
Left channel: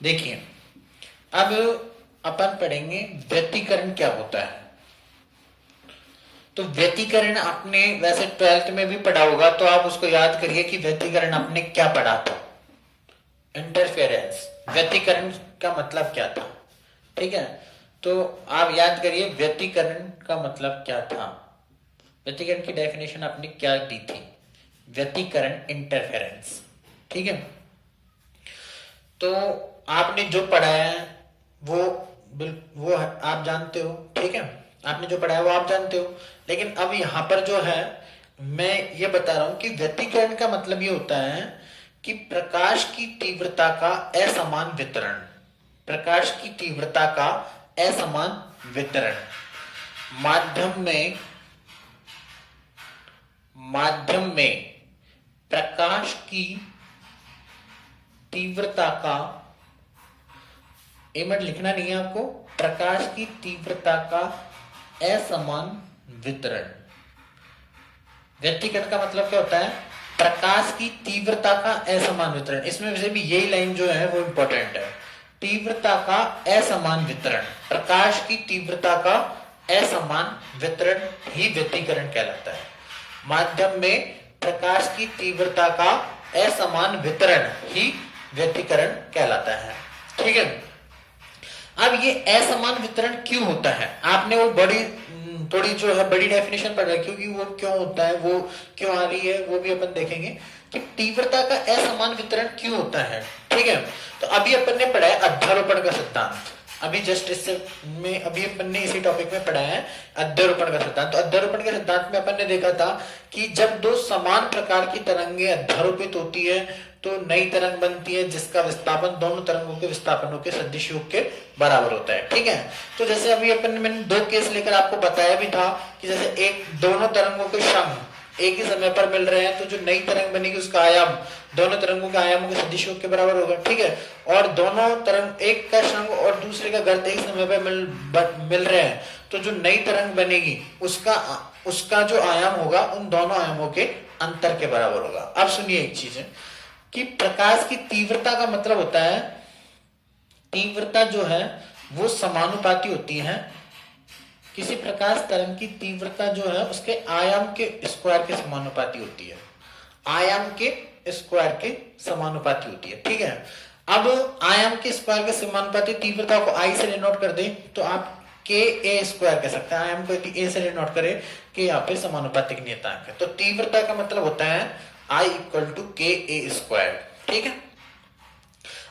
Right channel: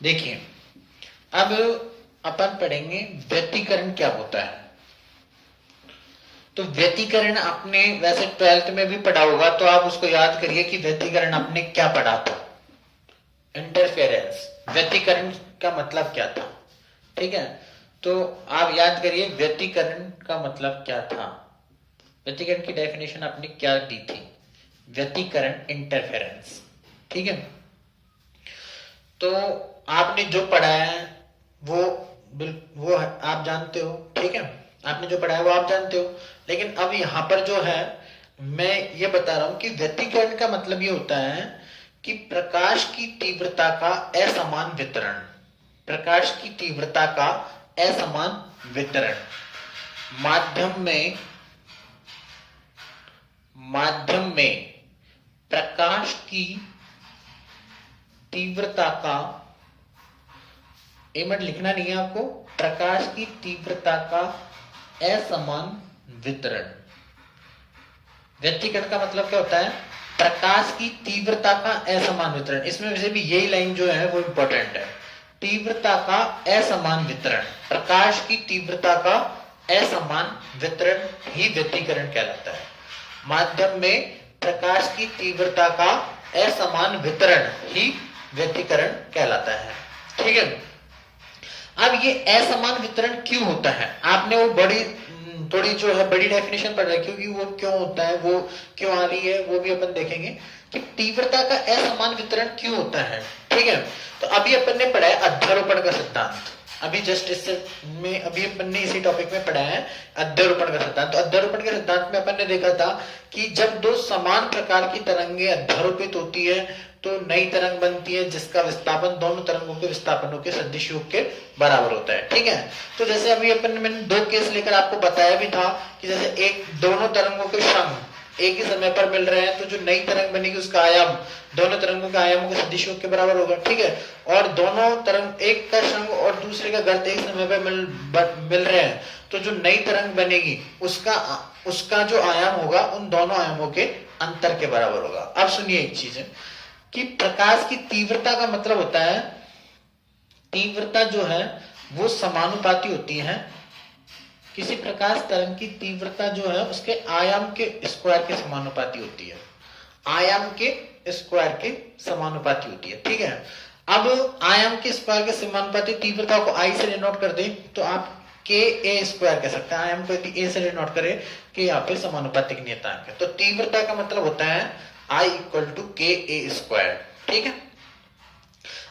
देखिए अब अपन पढ़ेंगे व्यतिकरण क्या होता है। तो व्यतिकरण आपने वैसे 12th में भी पढ़ा होगा, तो आप उसको याद करिए कि व्यतिकरण आपने क्या पढ़ा था। इंटरफेरेंस, व्यतिकरण का मतलब क्या था, ठीक है। तो आप याद करिए व्यतिकरण का मतलब क्या था, व्यतिकरण की डेफिनेशन आपने क्या दी थी, व्यतिकरण इंटरफेरेंस, ठीक है। तो आपने जो पढ़ा है वो आप जानते हो, ठीक है। आपने जो पढ़ा है वो आप जानते हो, लेकिन अब यहां पर जो है मैं ये बता रहा हूं कि व्यतिकरण का मतलब ये होता है कि प्रकाश की तीव्रता का असमान वितरण, प्रकाश की तीव्रता का असमान वितरण माध्यम में प्रकाश की तीव्रता का, एमट लिखना नहीं है आपको, प्रकाश की तीव्रता का असमान वितरण। व्यतिकरण का मतलब क्या होता है, प्रकाश की तीव्रता का असमान वितरण। इसमें वैसे भी यही लाइन जो है वो इंपॉर्टेंट है, तीव्रता का असमान वितरण, प्रकाश की तीव्रता का असमान वितरण ही व्यतिकरण कहलाता है। माध्यम में प्रकाश की तीव्रता का असमान वितरण ही व्यतिकरण कहलाता है, ठीक है। अब ये असमान वितरण क्यों होता है, आपने वो थोड़ी जो है बड़ी डेफिनेशन पढ़ रहा है, क्योंकि वो क्यों होता है, वो क्यों आ रही है, वो भी अपन देखेंगे कि तीव्रता का असमान वितरण क्यों होता है, ठीक है। तो अभी अपन ने पढ़ा है अध्यारोपण का सिद्धांत, अभी जस्ट इससे में अभी अपन ने इसी टॉपिक में पढ़ा है अध्यारोपण का सिद्धांत। तो अध्यारोपण के सिद्धांत में अपन ने देखा था कि जब दो समान प्रकार की तरंगे अध्यारोपित होती है तो नई तरंग बनती है जिसका विस्थापन दोनों तरंगों के विस्थापनों के सदिश योग के बराबर होता है, ठीक है। तो जैसे अभी अपन मैंने दो केस लेकर आपको बताया भी था कि जैसे एक दोनों तरंगों के श्रंग एक ही समय पर मिल रहे हैं, तो जो नई तरंग बनेगी उसका आयाम दोनों तरंगों के आयामों के सदिश योग के बराबर होगा, ठीक है। और दोनों तरंग, एक का श्रंग और दूसरे का गर्त एक समय पर मिल रहे हैं, तो जो नई तरंग बनेगी उसका जो आयाम होगा उन दोनों आयामों के अंतर के बराबर होगा। अब सुनिए एक चीज है कि प्रकाश की तीव्रता का मतलब होता है, तीव्रता जो है वो समानुपाती होती है, किसी प्रकाश तरंग की तीव्रता जो है उसके आयाम के स्क्वायर के समानुपाती होती है, आयाम के स्क्वायर के समानुपाती होती है, ठीक है। अब आयाम के स्क्वायर के समानुपाती तीव्रता को आई से डिनोट कर दे तो आप के ए स्क्वायर कह सकते हैं, आयाम को यदि ए से डिनोट करे कि यहाँ पे समानुपातिक नियतांक है, तो तीव्रता का मतलब होता है I इक्वल टू के ए स्क्वायर, ठीक है।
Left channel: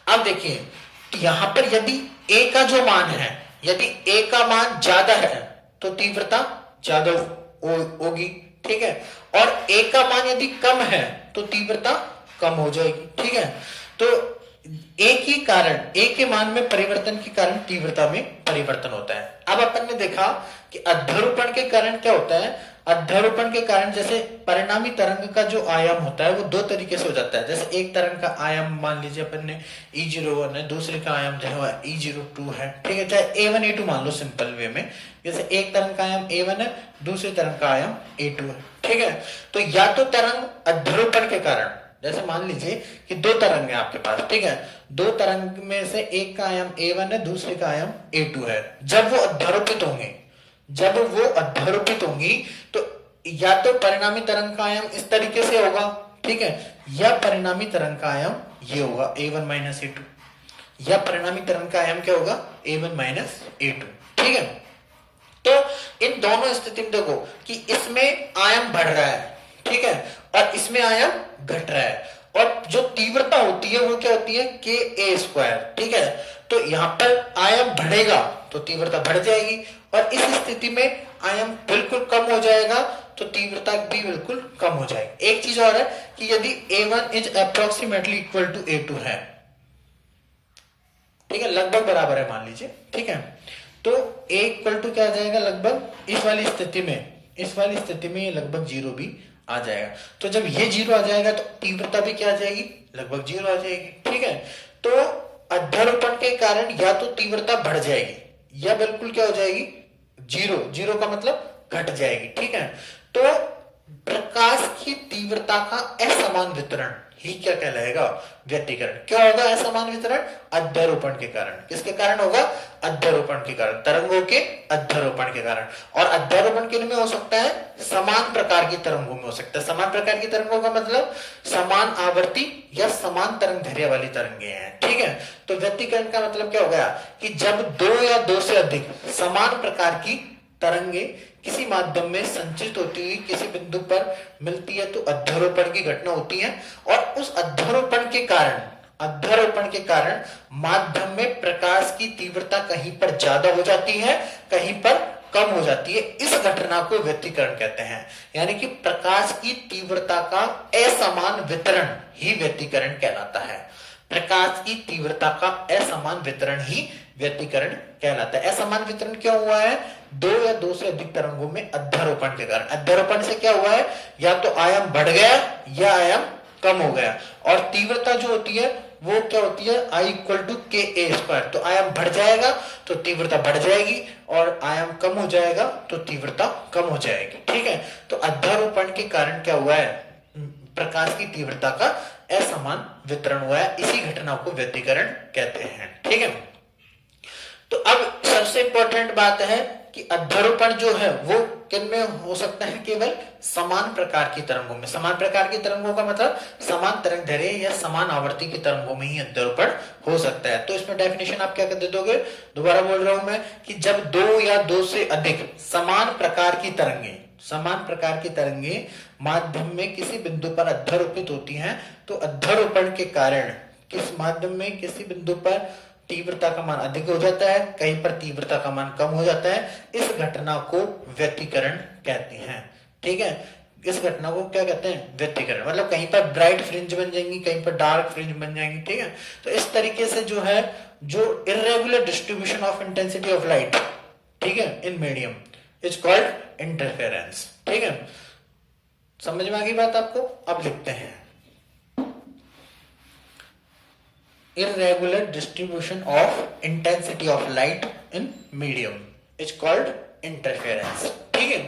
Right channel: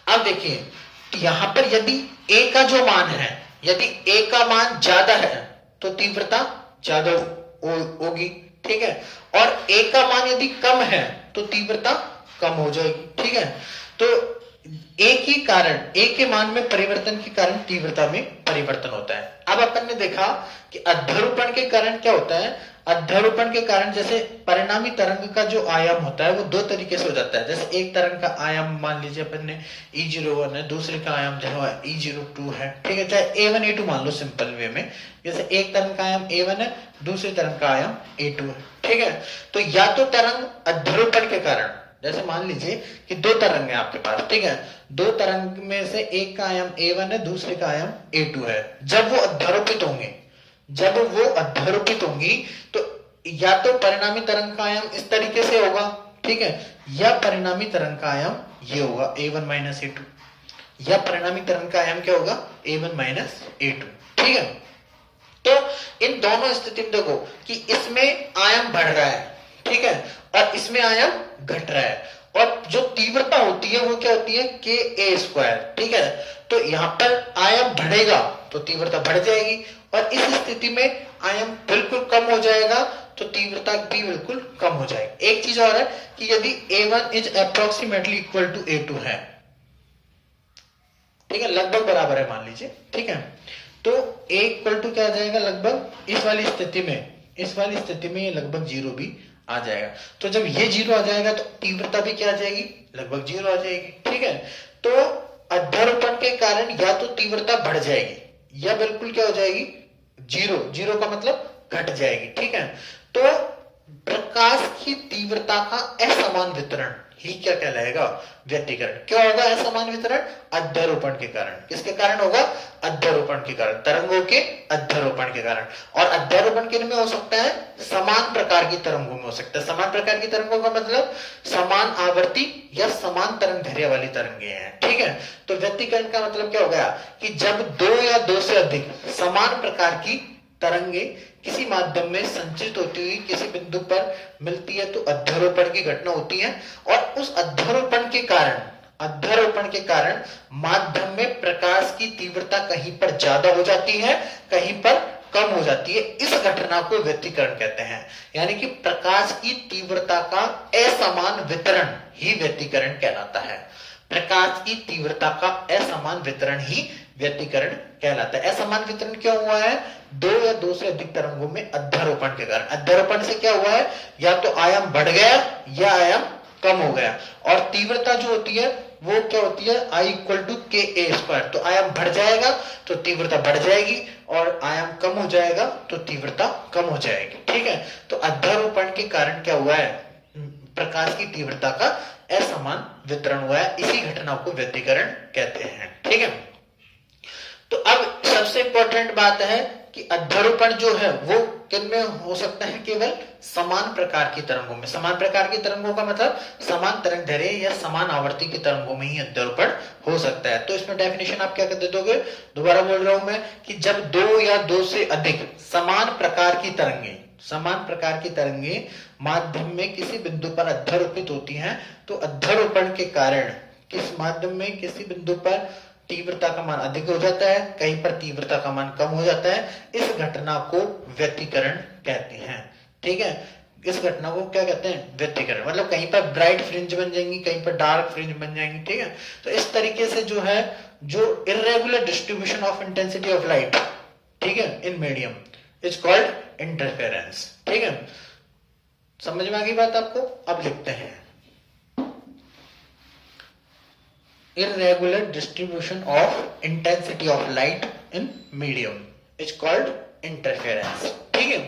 अब देखिए यहां पर यदि a का जो मान है, यदि a का मान ज्यादा है तो तीव्रता ज्यादा होगी, ठीक है। और a का मान यदि कम है तो तीव्रता कम हो जाएगी, ठीक है। तो a के मान में परिवर्तन के कारण तीव्रता में परिवर्तन होता है। अब अपन ने देखा कि अध्यारोपण के कारण क्या होता है, अध्यारोपण के कारण जैसे परिणामी तरंग का जो आयाम होता है वो दो तरीके से हो जाता है। जैसे एक तरंग का आयाम मान लीजिए अपन ने E01 है, दूसरे का आयाम जो है E02 है, ठीक है, चाहे A1 A2 मान लो सिंपल वे में। जैसे एक तरंग का आयाम A1 है, दूसरे तरंग का आयाम A2 है, ठीक है। तो या तो तरंग अध्यारोपण के कारण, जैसे मान लीजिए कि दो तरंग है आपके पास, ठीक है, दो तरंग में से एक का आयाम A1 है, दूसरे का आयाम A2 है, जब वो अध्यारोपित होंगी तो या तो परिणामी तरंग का आयाम इस तरीके से होगा, ठीक है, या परिणामी तरंग का आयाम ये होगा A1 माइनस A2, या परिणामी तरंग का आयाम क्या होगा A1 माइनस A2, ठीक है। तो इन दोनों स्थिति में देखो कि इसमें आयाम बढ़ रहा है, ठीक है, और इसमें आयाम घट रहा है, और जो तीव्रता होती है वो क्या होती है के ए स्क्वायर, ठीक है। तो यहां पर आयाम बढ़ेगा तो तीव्रता बढ़ जाएगी, और इस स्थिति में आयाम बिल्कुल कम हो जाएगा तो तीव्रता भी बिल्कुल कम हो जाएगी। एक चीज और है कि यदि A1 is approximately equal to A2 है, ठीक है, लगभग बराबर है मान लीजिए, ठीक है, तो A इक्वल टू क्या आ जाएगा, लगभग इस वाली स्थिति में ये लगभग जीरो भी आ जाएगा। तो जब ये जीरो आ जाएगा तो तीव्रता भी क्या आ जाएगी, लगभग जीरो आ जाएगी, ठीक है। तो अध्यारोपण के कारण या तो तीव्रता बढ़ जाएगी या बिल्कुल क्या हो जाएगी, जीरो का मतलब घट जाएगी, ठीक है। तो प्रकाश की तीव्रता का असमान वितरण ही क्या कहलाएगा? व्यतिकरण। क्या होगा असमान वितरण? अध्यारोपण के कारण। किसके कारण होगा? अध्यारोपण के कारण, तरंगों के अध्यारोपण के कारण। और अध्यारोपण किन में हो सकता है? समान प्रकार की तरंगों में हो सकता है। समान प्रकार की तरंगों का मतलब समान आवर्ती या समान तरंग दैर्ध्य वाली तरंगे हैं, ठीक है। तो व्यतिकरण का मतलब क्या हो गया कि जब दो या दो से अधिक समान प्रकार की तरंगे किसी माध्यम में संचित होती हुई किसी बिंदु पर मिलती है तो अध्यारोपण की घटना होती है। और उस अध्यारोपण के कारण माध्यम में प्रकाश की तीव्रता कहीं पर ज्यादा हो जाती है, कहीं पर कम हो जाती है। इस घटना को व्यतिकरण कहते हैं। यानी कि प्रकाश की तीव्रता का असमान वितरण ही व्यतिकरण कहलाता है। प्रकाश की तीव्रता का असमान वितरण ही व्यतिकरण कहलाता है। असमान वितरण क्या हुआ है? दो या दो से अधिक तरंगों में अध्यारोपण के कारण। अध्यारोपण से क्या हुआ है? या तो आयाम बढ़ गया या आयाम कम हो गया। और तीव्रता जो होती है वो क्या होती है? I = KA²। तो आयाम बढ़ जाएगा तो तीव्रता बढ़ जाएगी, और आयाम कम हो जाएगा तो तीव्रता कम हो जाएगी, ठीक है। तो अध्यारोपण के कारण क्या हुआ है? प्रकाश की तीव्रता का असमान वितरण हुआ है। इसी घटना को व्यतिकरण कहते हैं, ठीक है। तो अब सबसे इंपॉर्टेंट बात है कि अध्यारोपण जो है वो किन में हो सकता है? केवल समान प्रकार की तरंगों में। समान प्रकार की तरंगों का मतलब समान तरंग दैर्ध्य या समान आवर्ती की तरंगों में ही अध्यारोपण हो सकता है। तो इसमें डेफिनेशन आप क्या कर दे दोगे? दोबारा बोल रहा हूं मैं कि जब दो या दो से अधिक समान प्रकार की तरंगे माध्यम में किसी बिंदु पर अध्यारोपित होती हैं तो अध्यारोपण के कारण किस माध्यम में किसी बिंदु पर तीव्रता का मान अधिक हो जाता है, कहीं पर तीव्रता का मान कम हो जाता है। इस घटना को व्यतिकरण कहते हैं, ठीक है। इस घटना को क्या कहते हैं? व्यतिकरण। मतलब कहीं पर ब्राइट फ्रिंज बन जाएंगी, कहीं पर डार्क फ्रिंज बन जाएंगी, ठीक है। तो इस तरीके से जो है, जो irregular distribution of intensity of light, ठीक है, in medium is called interference, ठीक है। समझ में आ गई बात आपको? अब लिखते हैं irregular distribution of intensity of light in medium is called interference, ठीक है।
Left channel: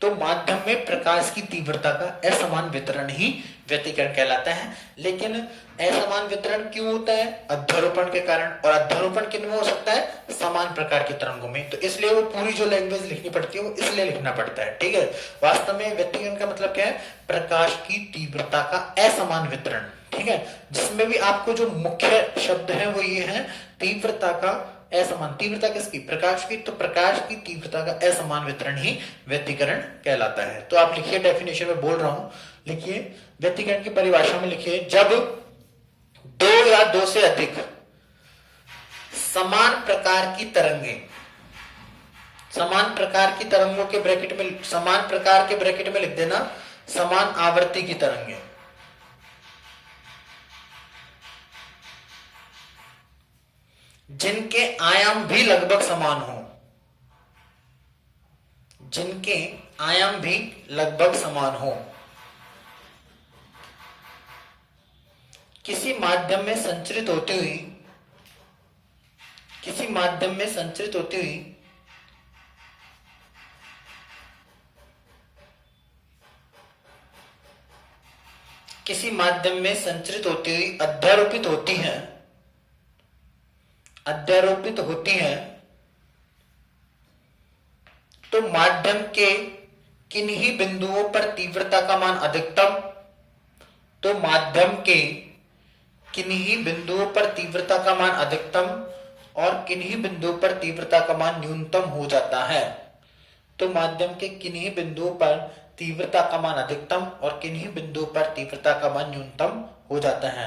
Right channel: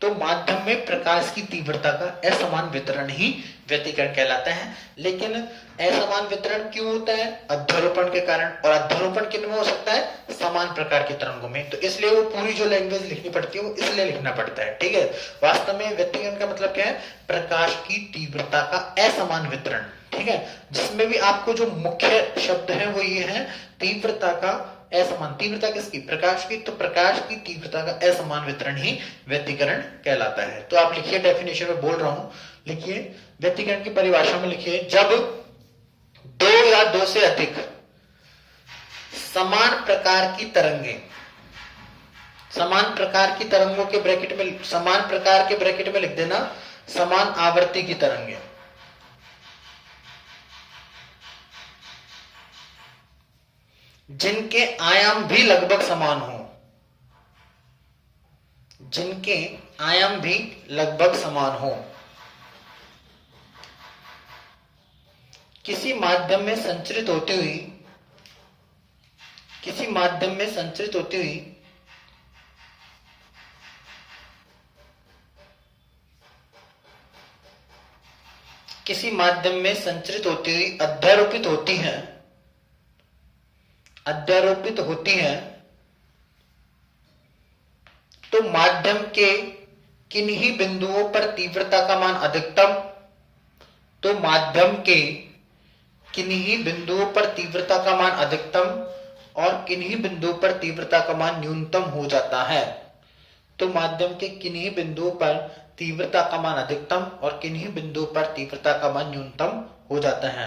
तो माध्यम में प्रकाश की तीव्रता का असमान वितरण ही व्यतिकरण कहलाता है। लेकिन असमान वितरण क्यों होता है? अध्यारोपण के कारण। और अध्यारोपण किन में हो सकता है? समान प्रकार की तरंगों में। तो इसलिए वो पूरी जो लैंग्वेज लिखनी पड़ती है वो इसलिए लिखना पड़ता है, ठीक है। वास्तव में व्यतिकरण का मतलब क्या है? प्रकाश की तीव्रता का असमान वितरण, ठीक है। जिसमें भी आपको जो मुख्य शब्द है वो ये है तीव्रता का असमान। तीव्रता किसकी? प्रकाश की। तो प्रकाश की तीव्रता का असमान वितरण ही व्यतिकरण कहलाता है। तो आप लिखिए, डेफिनेशन में बोल रहा हूं, लिखिए व्यतिकरण की परिभाषा में लिखिए, जब दो या दो से अधिक समान प्रकार की तरंगे, समान प्रकार की तरंगों के ब्रैकेट में, समान प्रकार के ब्रैकेट में लिख देना समान आवर्ती की तरंगे, जिनके आयाम भी लगभग समान हो, जिनके आयाम भी लगभग समान हो, किसी माध्यम में संचरित होती हुई, किसी माध्यम में संचरित होती हुई किसी माध्यम में संचरित होती हुई अध्यारोपित होती हैं, अध्यारोपित होती हैं, तो माध्यम के किन्हीं बिंदुओं पर तीव्रता का मान अधिकतम, तो माध्यम के किन्हीं बिंदुओं पर तीव्रता का मान अधिकतम और किन्हीं बिंदुओं पर तीव्रता का मान न्यूनतम हो जाता है। तो माध्यम के किन्हीं बिंदुओं पर तीव्रता का मान अधिकतम और किन्हीं बिंदुओं पर तीव्रता का मान न्यूनतम हो जाता है,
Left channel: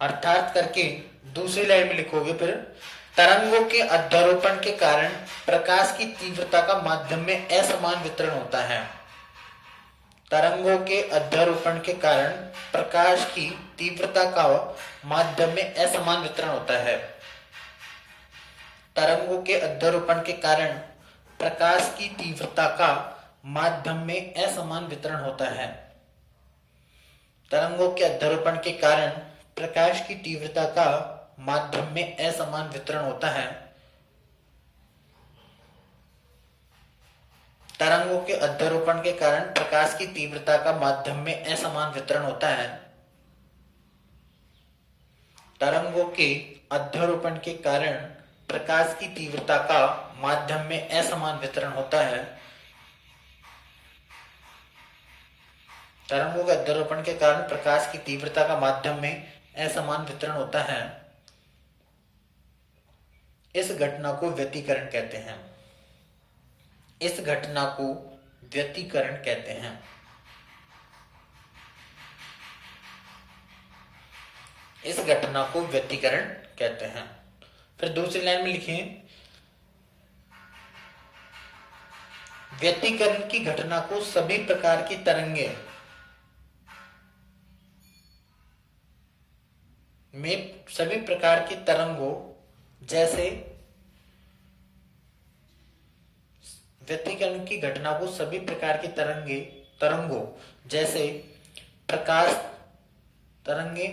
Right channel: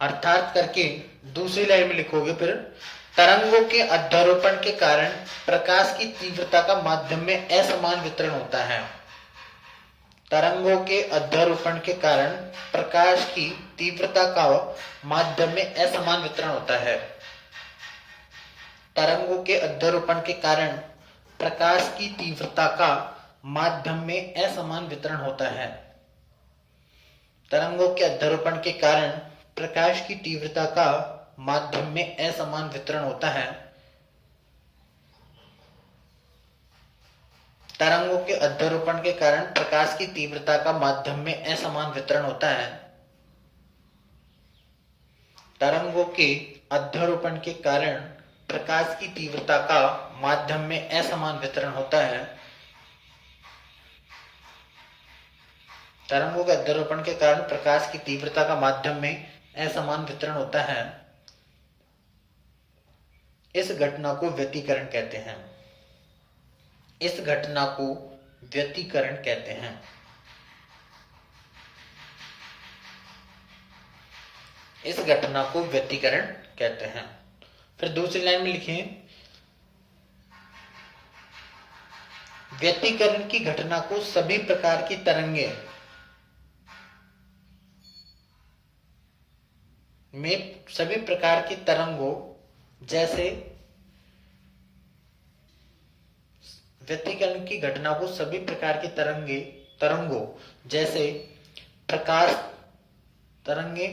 अर्थात करके दूसरी लाइन में लिखोगे फिर, तरंगों के अध्यारोपण के कारण प्रकाश की तीव्रता का माध्यम में असमान वितरण होता है। तरंगों के अध्यारोपण के कारण प्रकाश की तीव्रता का माध्यम में असमान वितरण होता है। तरंगों के अध्यारोपण के कारण प्रकाश की तीव्रता का माध्यम में असमान वितरण होता है। तरंगों के अध्यारोपण के कारण प्रकाश की तीव्रता का माध्यम में असमान वितरण होता है। तरंगों के अध्यारोपण के कारण प्रकाश की तीव्रता का माध्यम में असमान वितरण होता है। तरंगों के अध्यारोपण के कारण प्रकाश की तीव्रता का माध्यम में असमान वितरण होता है। तरंगों के अध्यारोपण के कारण प्रकाश की तीव्रता का माध्यम में असमान वितरण होता है। इस घटना को व्यतिकरण कहते हैं। इस घटना को व्यतिकरण कहते हैं। इस घटना को व्यतिकरण कहते हैं। फिर दूसरी लाइन में लिखें, व्यतिकरण की घटना को सभी प्रकार की तरंगे में सभी प्रकार की तरंगों जैसे व्यतिकरण की घटना को सभी प्रकार की तरंगों जैसे प्रकाश तरंगे,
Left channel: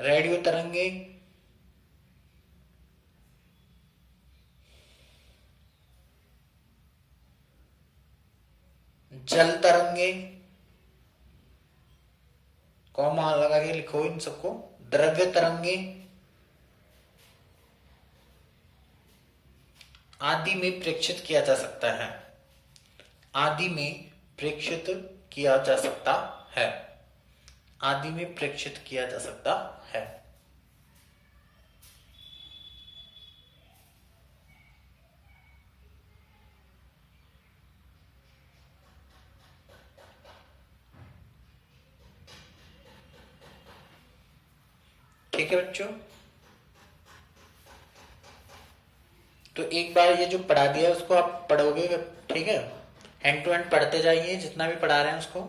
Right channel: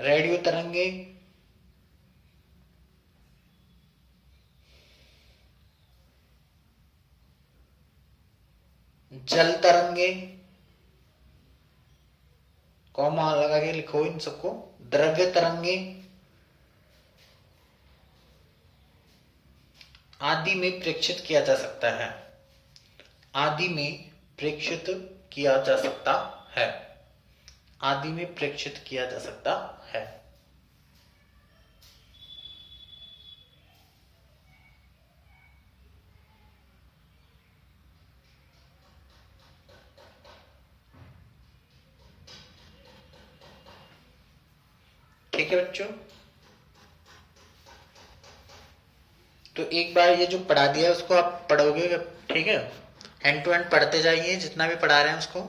रेडियो तरंगे, जल तरंगे, कॉमा लगा के लिखो इन सबको, द्रव्य तरंगे आदि में प्रेक्षित किया जा सकता है। आदि में प्रेक्षित किया जा सकता है। आदि में प्रेक्षित किया जा सकता है। ठीक है बच्चों, तो एक बार ये जो पढ़ा दिया है उसको आप पढ़ोगे, ठीक है, एंड टू एंड पढ़ते जाइए, जितना भी पढ़ा रहे हैं उसको।